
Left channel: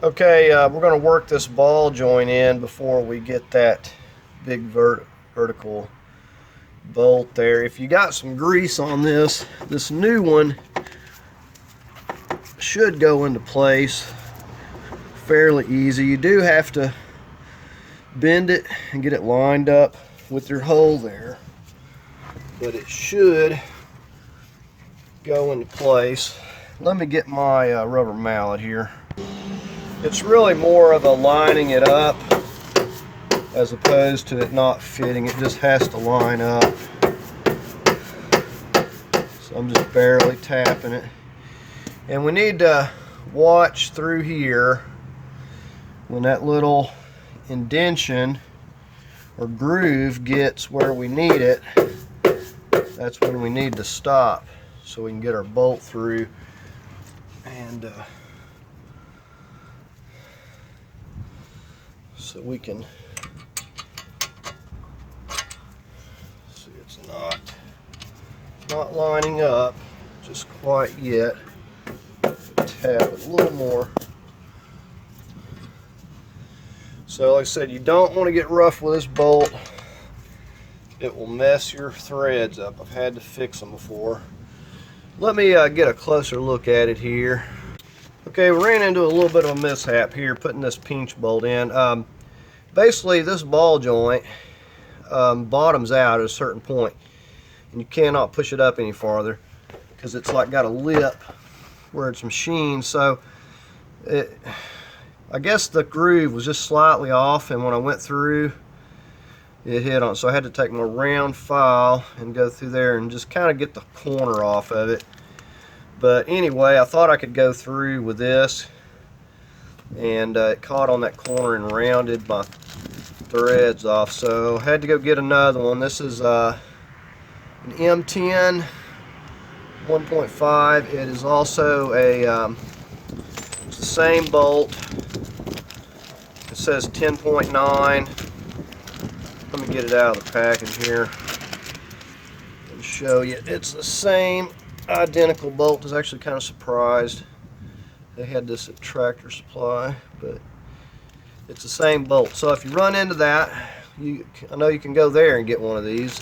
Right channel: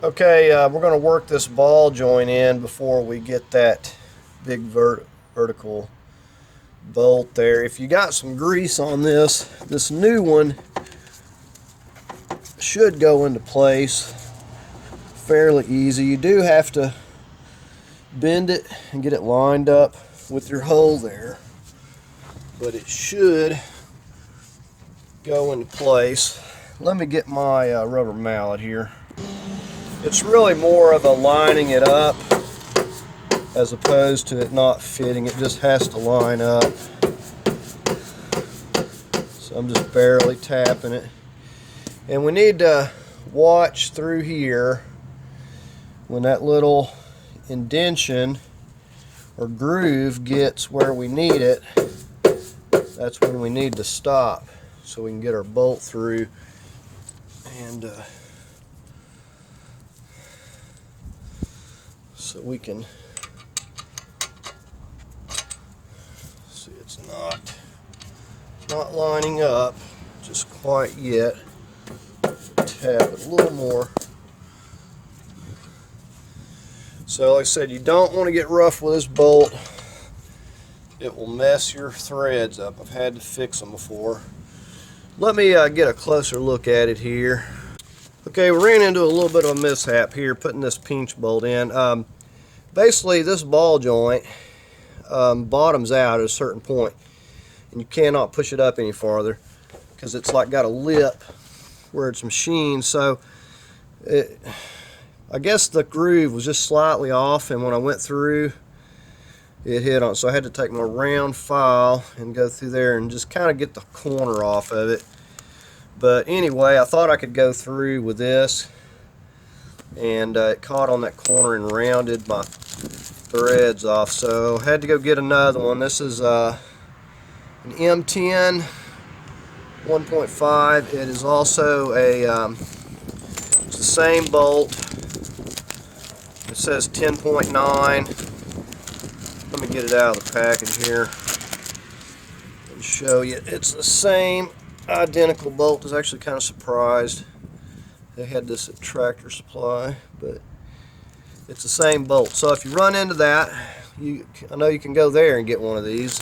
Okay, we're going to work this ball joint in before we get that big vertical bolt there. If you got some grease on this new one should go into place fairly easy. You do have to bend it and get it lined up with your hole there, but it should go into place. Let me get my rubber mallet here. It's really more of a lining it up as opposed to it not fitting. It just has to line up. So I'm just barely tapping it. And we need to watch through here when that little indentation or groove gets where we need it. That's when we need to stop so we can get our bolt through. And so we can see it's not lining up just quite yet. Tap it a little more. So like I said, you don't want to get rough with this bolt. It will mess your threads up. I've had to fix them before. Let me get a closer look at it here. Okay, we ran into a little bit of a mishap here putting this pinch bolt in. Basically, this ball joint bottoms out at a certain point, and you cannot push it up any farther because it's like got a lip where it's machined. So I guess the groove was just slightly off, and when I went through, it hit on. So I had to take my round file and go through there and just kind of get the corner off of it. But anyway, I thought I could go through with this, and it caught on that corner and rounded my threads off. So I had to go get another one. This is an M10 1.5. It is also it's the same bolt. It says 10.9. Let me get it out of the package here and show you. It's the same identical bolt. I was actually kind of surprised they had this at Tractor Supply, but it's the same bolt. So if you run into that, I know you can go there and get one of these,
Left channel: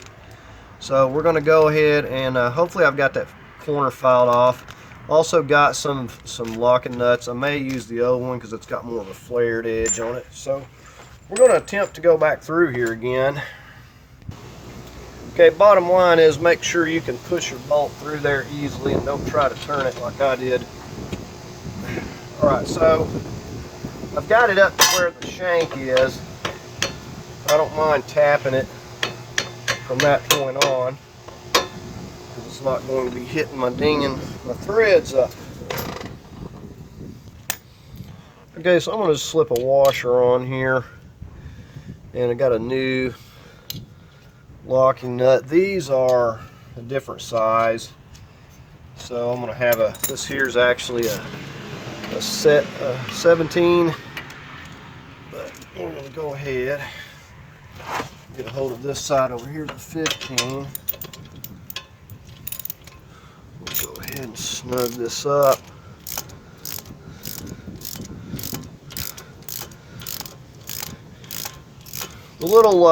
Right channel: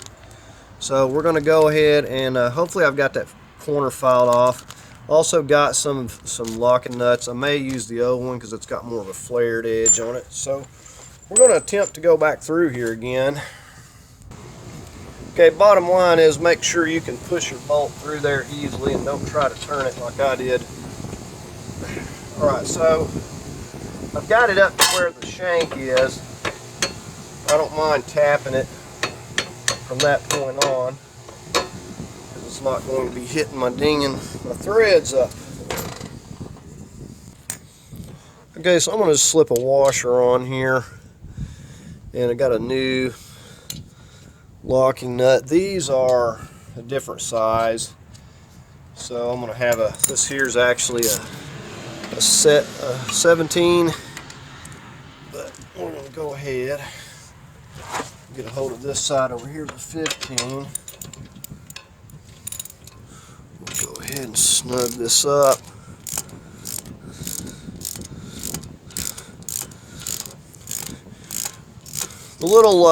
So we're going to go ahead and hopefully I've got that corner filed off. Also got some locking nuts. I may use the old one because it's got more of a flared edge on it. So we're going to attempt to go back through here again. Okay, bottom line is make sure you can push your bolt through there easily and don't try to turn it like I did. Alright, so I've got it up to where the shank is. I don't mind tapping it from that point on, because it's not going to be hitting my threads up. Okay, so I'm going to slip a washer on here, and I got a new locking nut. These are a different size, so I'm going to have this here's actually a set 17, but we're going to go ahead. Get a hold of this side over here, the 15. We'll go ahead and snug this up. The little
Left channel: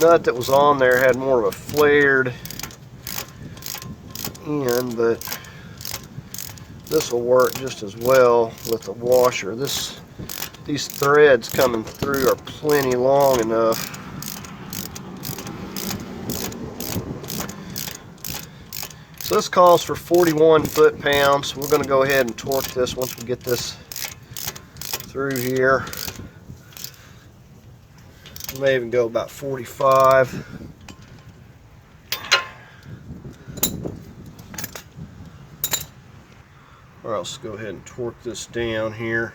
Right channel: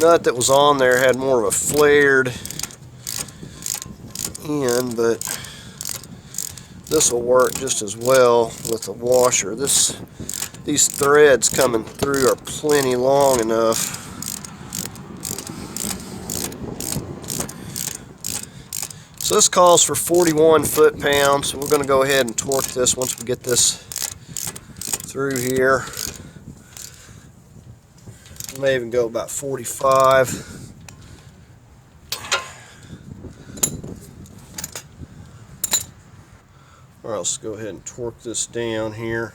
nut that was on there had more of a flared end, but this will work just as well with the washer. These threads coming through are plenty long enough. So this calls for 41 foot-pounds. So we're going to go ahead and torque this once we get this through here. We may even go about 45. All right, let's go ahead and torque this down here.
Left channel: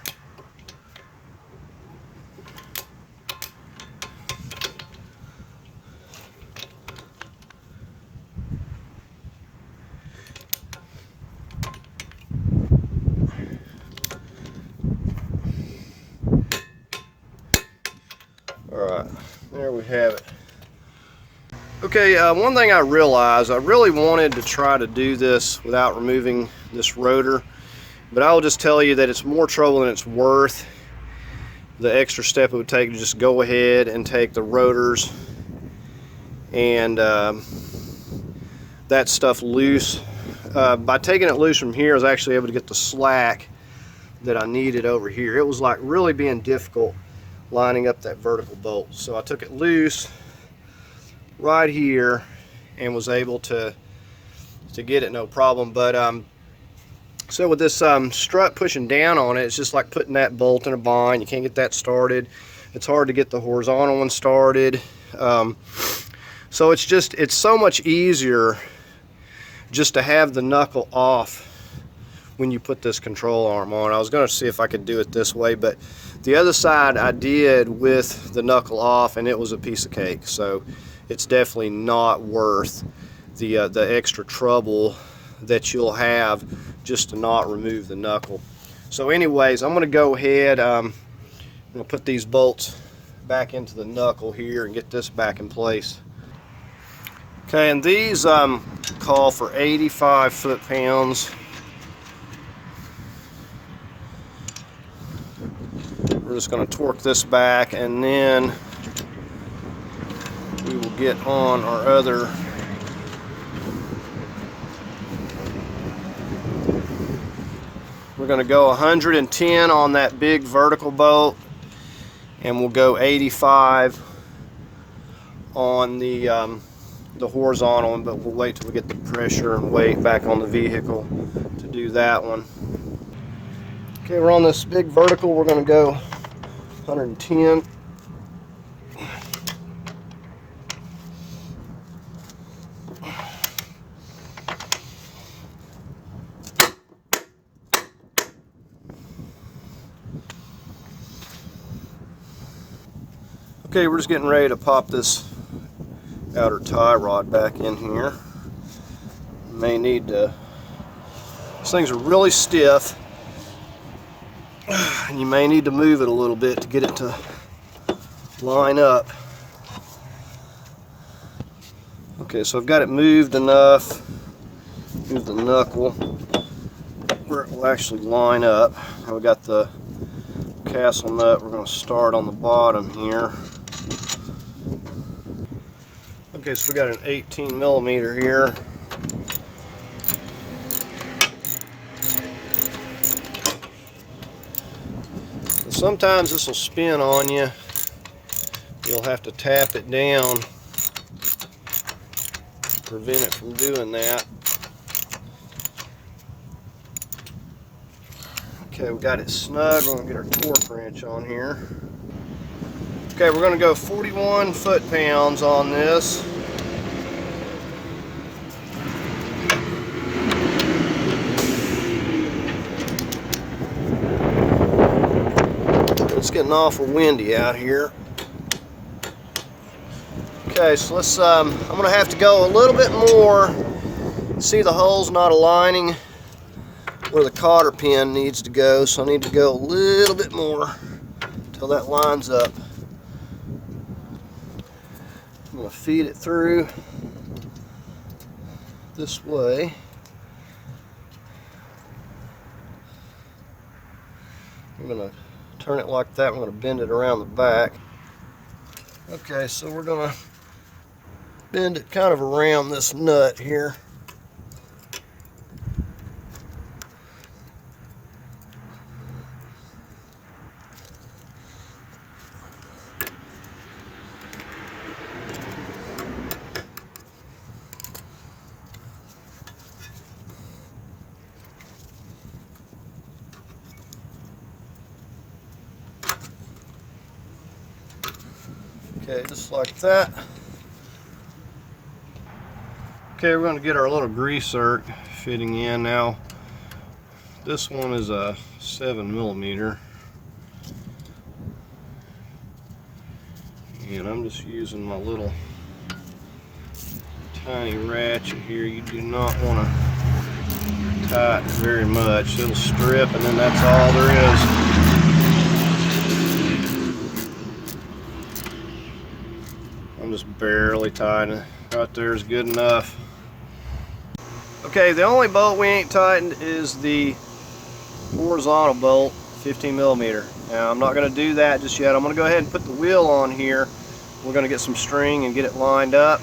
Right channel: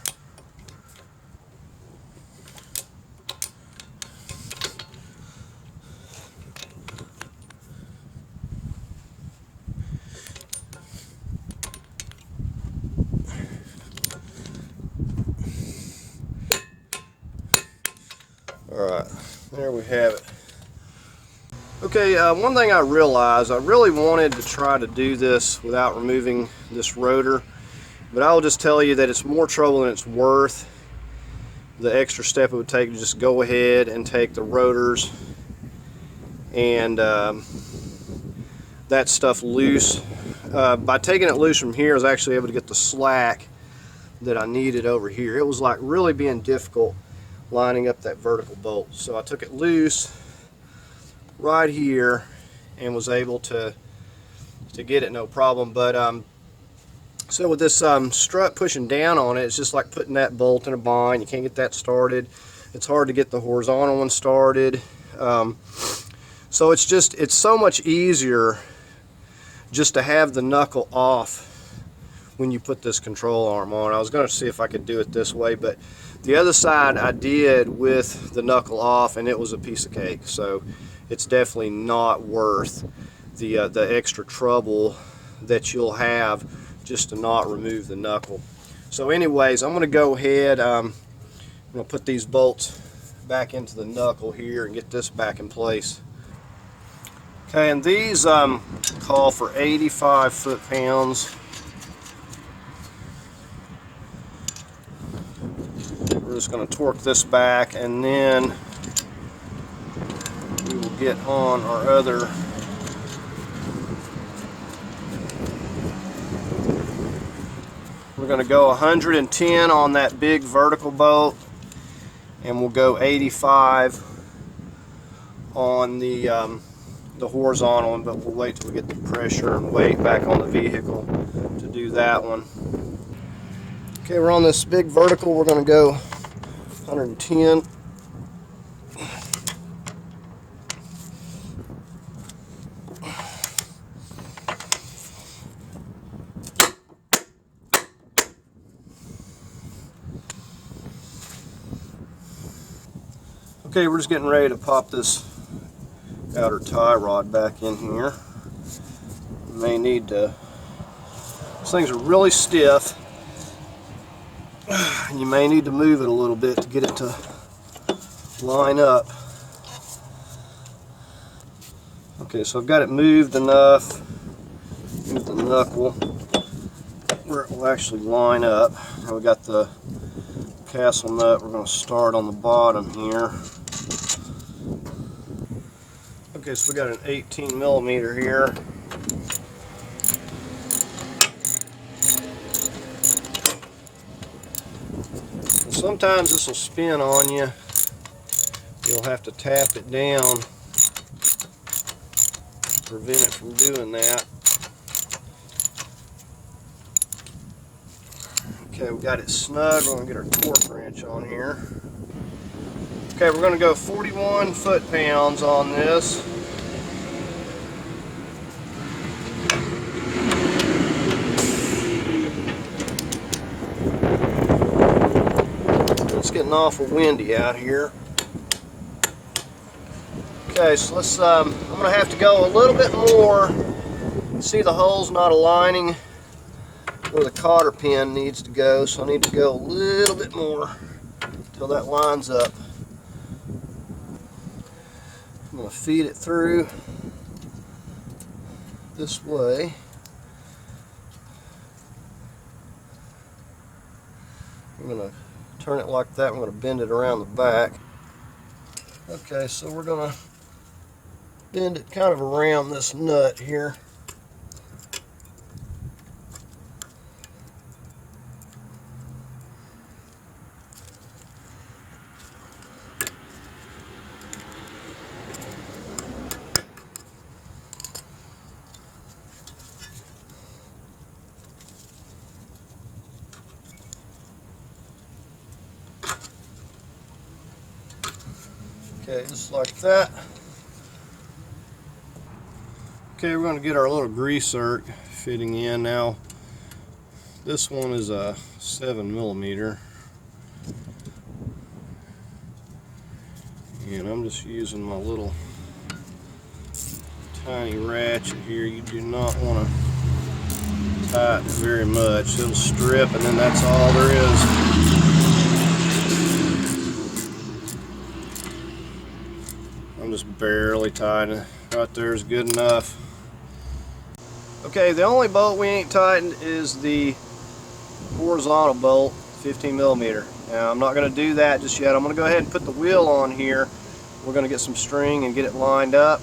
Alright, there we have it. Okay, one thing I realized, I really wanted to try to do this without removing this rotor, but I will just tell you that it's more trouble than it's worth. The extra step it would take to just go ahead and take the rotors and that stuff loose. By taking it loose from here, I was actually able to get the slack that I needed over here. It was like really being difficult lining up that vertical bolt. So I took it loose right here and was able to get it no problem. But so with this strut pushing down on it, it's just like putting that bolt in a bind. You can't get that started. It's hard to get the horizontal one started. So it's so much easier just to have the knuckle off when you put this control arm on. I was going to see if I could do it this way, but the other side I did with the knuckle off, and it was a piece of cake. So it's definitely not worth the extra trouble that you'll have just to not remove the knuckle. So anyways, I'm going to go ahead, I'm going to put these bolts back into the knuckle here and get this back in place. Okay, and these call for 85 foot-pounds. We're just going to torque this back, and then we will get on our other we're going to go 110 on that big vertical bolt, and we'll go 85 on the horizontal one, but we'll wait till we get the pressure and weight back on the vehicle to do that one. Okay, we're on this big vertical. We're going to go 110. Okay, we're just getting ready to pop this outer tie rod back in here. You may need to, these things are really stiff, and you may need to move it a little bit to get it to line up. Okay, so I've got it moved enough, move the knuckle where it will actually line up. I've got the castle nut. We're going to start on the bottom here. Okay, so we got an 18 millimeter here. And sometimes this will spin on you. You'll have to tap it down to prevent it from doing that. Okay, we got it snug. We're going to get our torque wrench on here. Okay, we're going to go 41 foot-pounds on this. It's getting awful windy out here. Okay, so let's, I'm going to have to go a little bit more. See, the hole's not aligning where the cotter pin needs to go, so I need to go a little bit more until that lines up. I'm going to feed it through this way. I'm going to turn it like that. I'm going to bend it around the back. Okay, so we're going to bend it kind of around this nut here. Okay, just like that. Okay, we're going to get our little grease zerk fitting in now. This one is a 7 millimeter. And I'm just using my little tiny ratchet here. You do not want to tighten it very much. It'll strip and then that's all there is. I'm just barely tightening. Right there is good enough. Okay, the only bolt we ain't tightened is the horizontal bolt, 15 millimeter. Now I'm not going to do that just yet. I'm going to go ahead and put the wheel on here. We're going to get some string and get it lined up.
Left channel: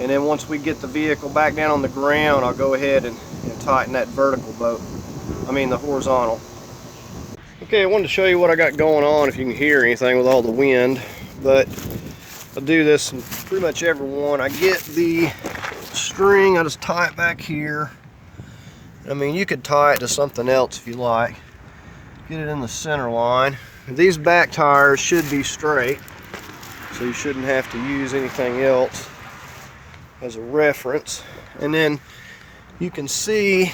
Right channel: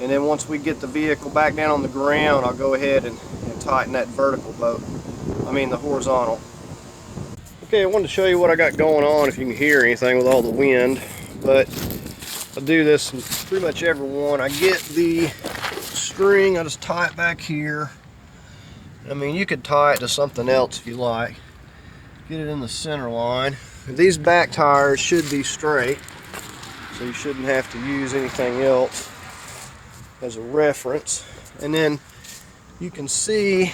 And then once we get the vehicle back down on the ground, I'll go ahead and tighten that vertical bolt. I mean the horizontal. Okay, I wanted to show you what I got going on if you can hear anything with all the wind. But I do this in pretty much every one. I get the string, I just tie it back here. I mean, you could tie it to something else if you like. Get it in the center line. These back tires should be straight, so you shouldn't have to use anything else as a reference. And then you can see,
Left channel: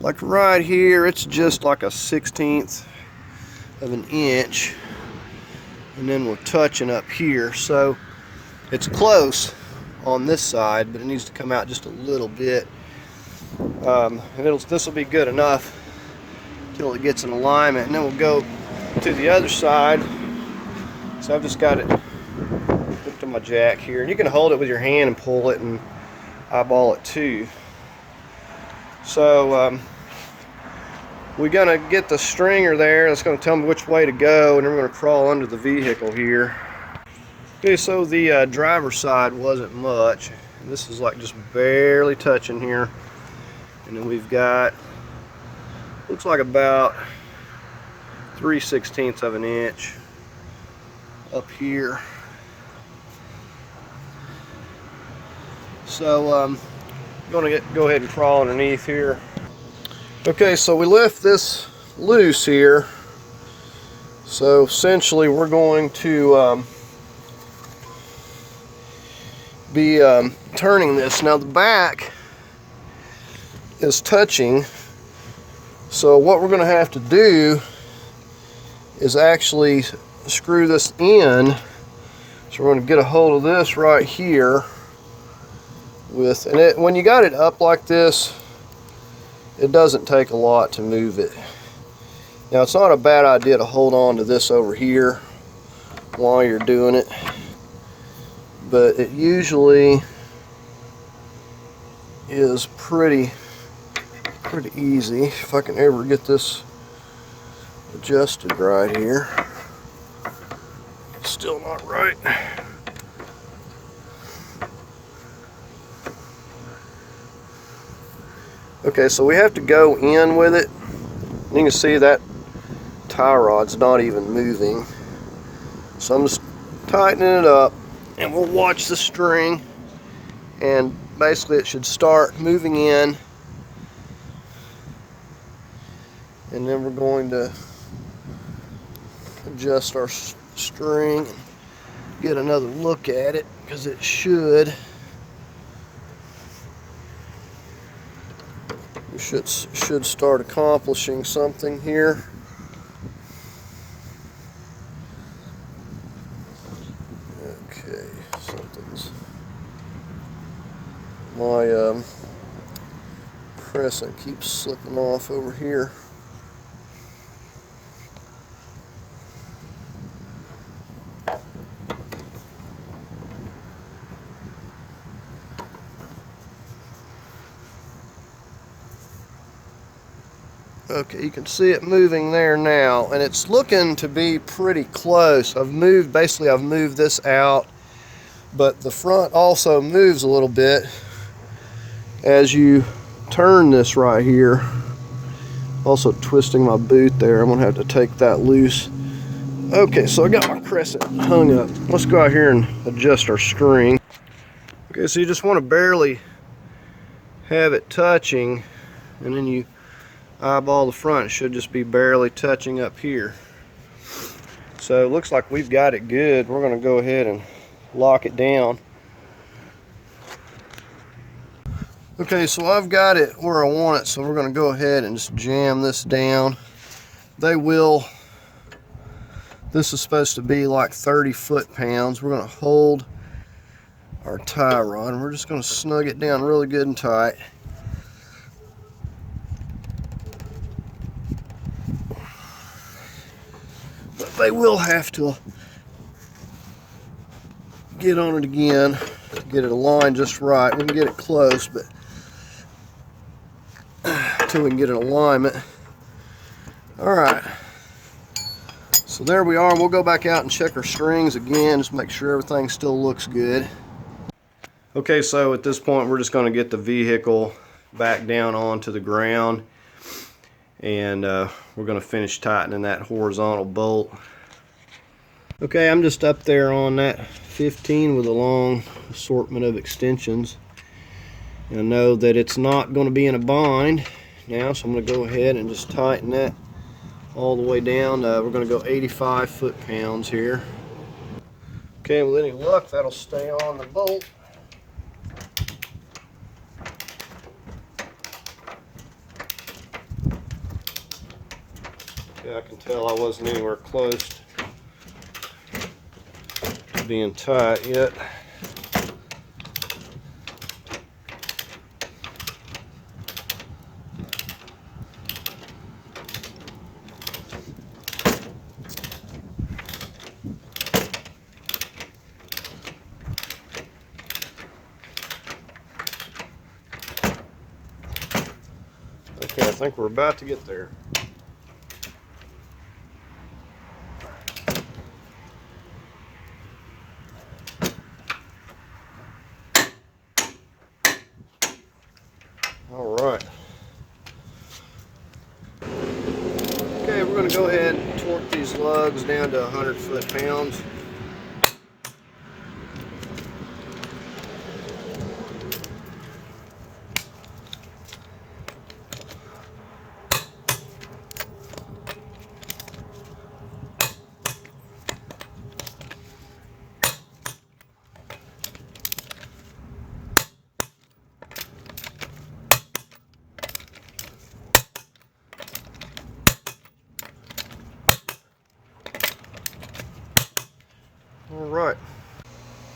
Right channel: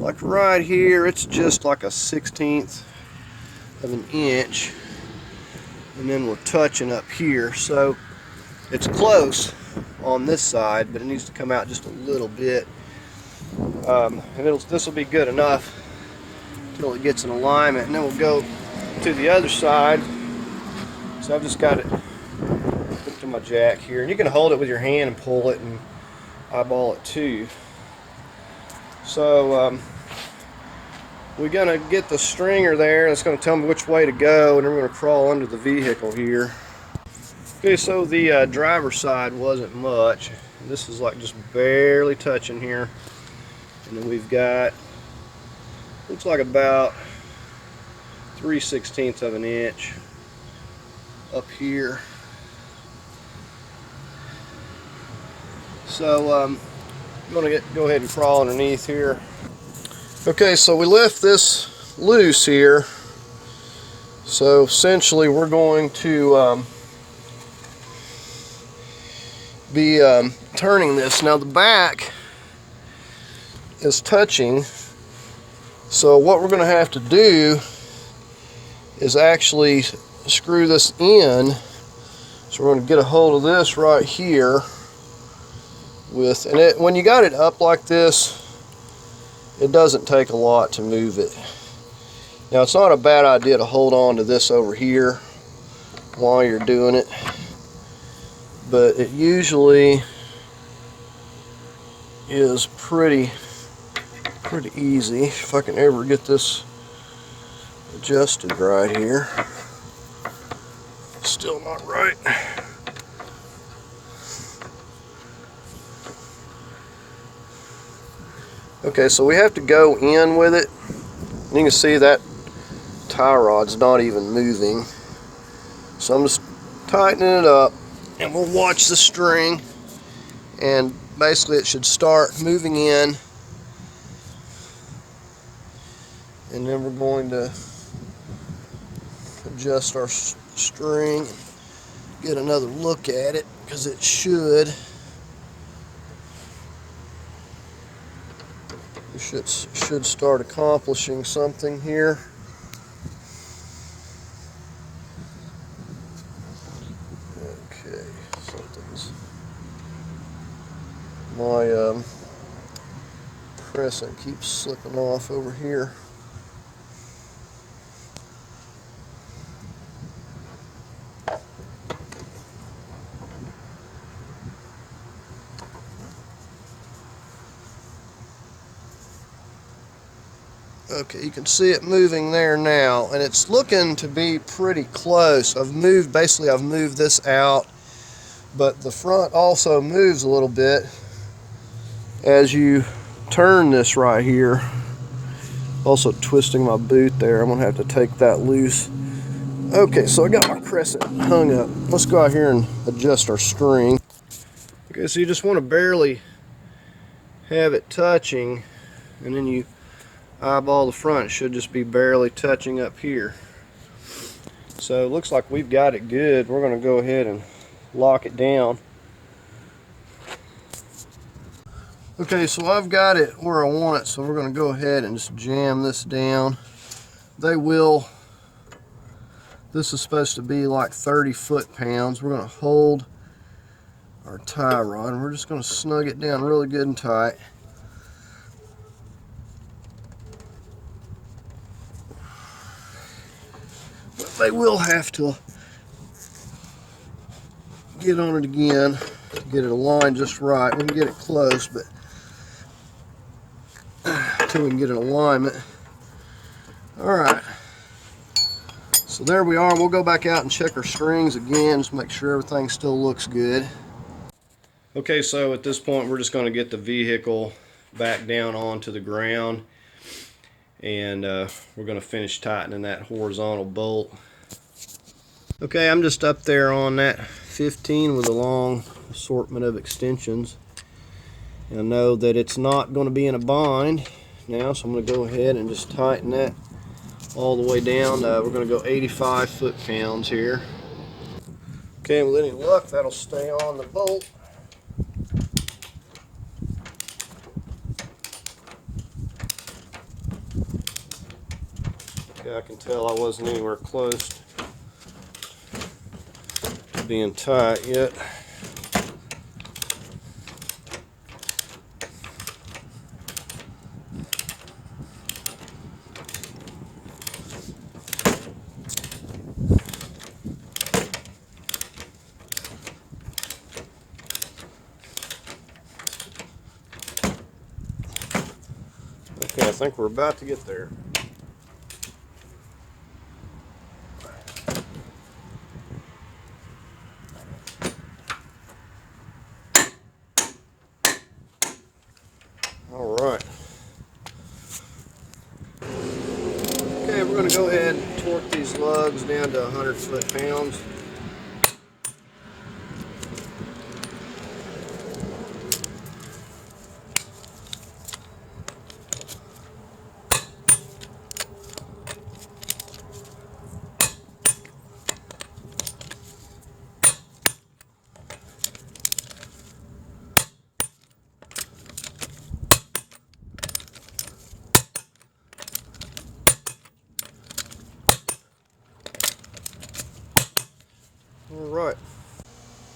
like right here, it's just like a 1/16 of an inch. And then we're touching up here, so it's close on this side, but it needs to come out just a little bit. And this will be good enough until it gets in alignment, and then we'll go to the other side. So I've just got it hooked to my jack here, and you can hold it with your hand and pull it and eyeball it too. So we're going to get the stringer there. That's going to tell me which way to go, and then we're going to crawl under the vehicle here. Okay, so the driver's side wasn't much. This is like just barely touching here. And then we've got, looks like about 3/16 of an inch up here. So I'm going to go ahead and crawl underneath here. Okay, so we left this loose here. So essentially we're going to be turning this. Now the back is touching, so what we're going to have to do is actually screw this in. So we're going to get a hold of this right here with, and when you got it up like this, it doesn't take a lot to move it. Now it's not a bad idea to hold on to this over here while you're doing it, but it usually is pretty easy if I can ever get this adjusted right here. Still not right. Okay, so we have to go in with it. You can see that tie rod's not even moving. So I'm just tightening it up, and we'll watch the string, and basically it should start moving in, and then we're going to adjust our string and get another look at it, because it should. We should start accomplishing something here. Okay, something's my crescent keeps slipping off over here. Okay, you can see it moving there now, and it's looking to be pretty close. I've moved this out, but the front also moves a little bit as you turn this right here. Also twisting my boot there. I'm gonna have to take that loose. Okay, so I got my crescent hung up. Let's go out here and adjust our string. Okay, so you just want to barely have it touching, and then you eyeball the front. It should just be barely touching up here. So it looks like we've got it good. We're going to go ahead and lock it down. Okay, so I've got it where I want it, so we're going to go ahead and just jam this down. This is supposed to be like 30 foot-pounds. We're going to hold our tie rod, and we're just going to snug it down really good and tight. They will have to get on it again, get it aligned just right. We can get it close, but until we can get an alignment. All right, so there we are. We'll go back out and check our strings again, just make sure everything still looks good. Okay, so at this point we're just going to get the vehicle back down onto the ground, and we're going to finish tightening that horizontal bolt. Okay, I'm just up there on that 15 with a long assortment of extensions, and I know that it's not going to be in a bind now, so I'm going to go ahead and just tighten that all the way down. We're going to go 85 foot-pounds here. Okay, and with any luck that'll stay on the bolt. Yeah, I can tell I wasn't anywhere close to being tight yet. Okay, I think we're about to get there. All right. Okay, we're going to go ahead and torque these lugs down to 100 foot-pounds.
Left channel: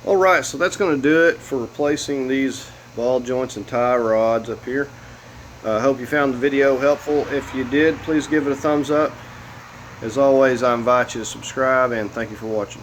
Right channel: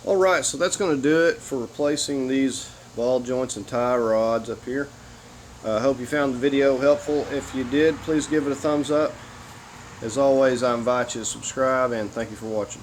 Alright, so that's going to do it for replacing these ball joints and tie rods up here. I hope you found the video helpful. If you did, please give it a thumbs up. As always, I invite you to subscribe, and thank you for watching.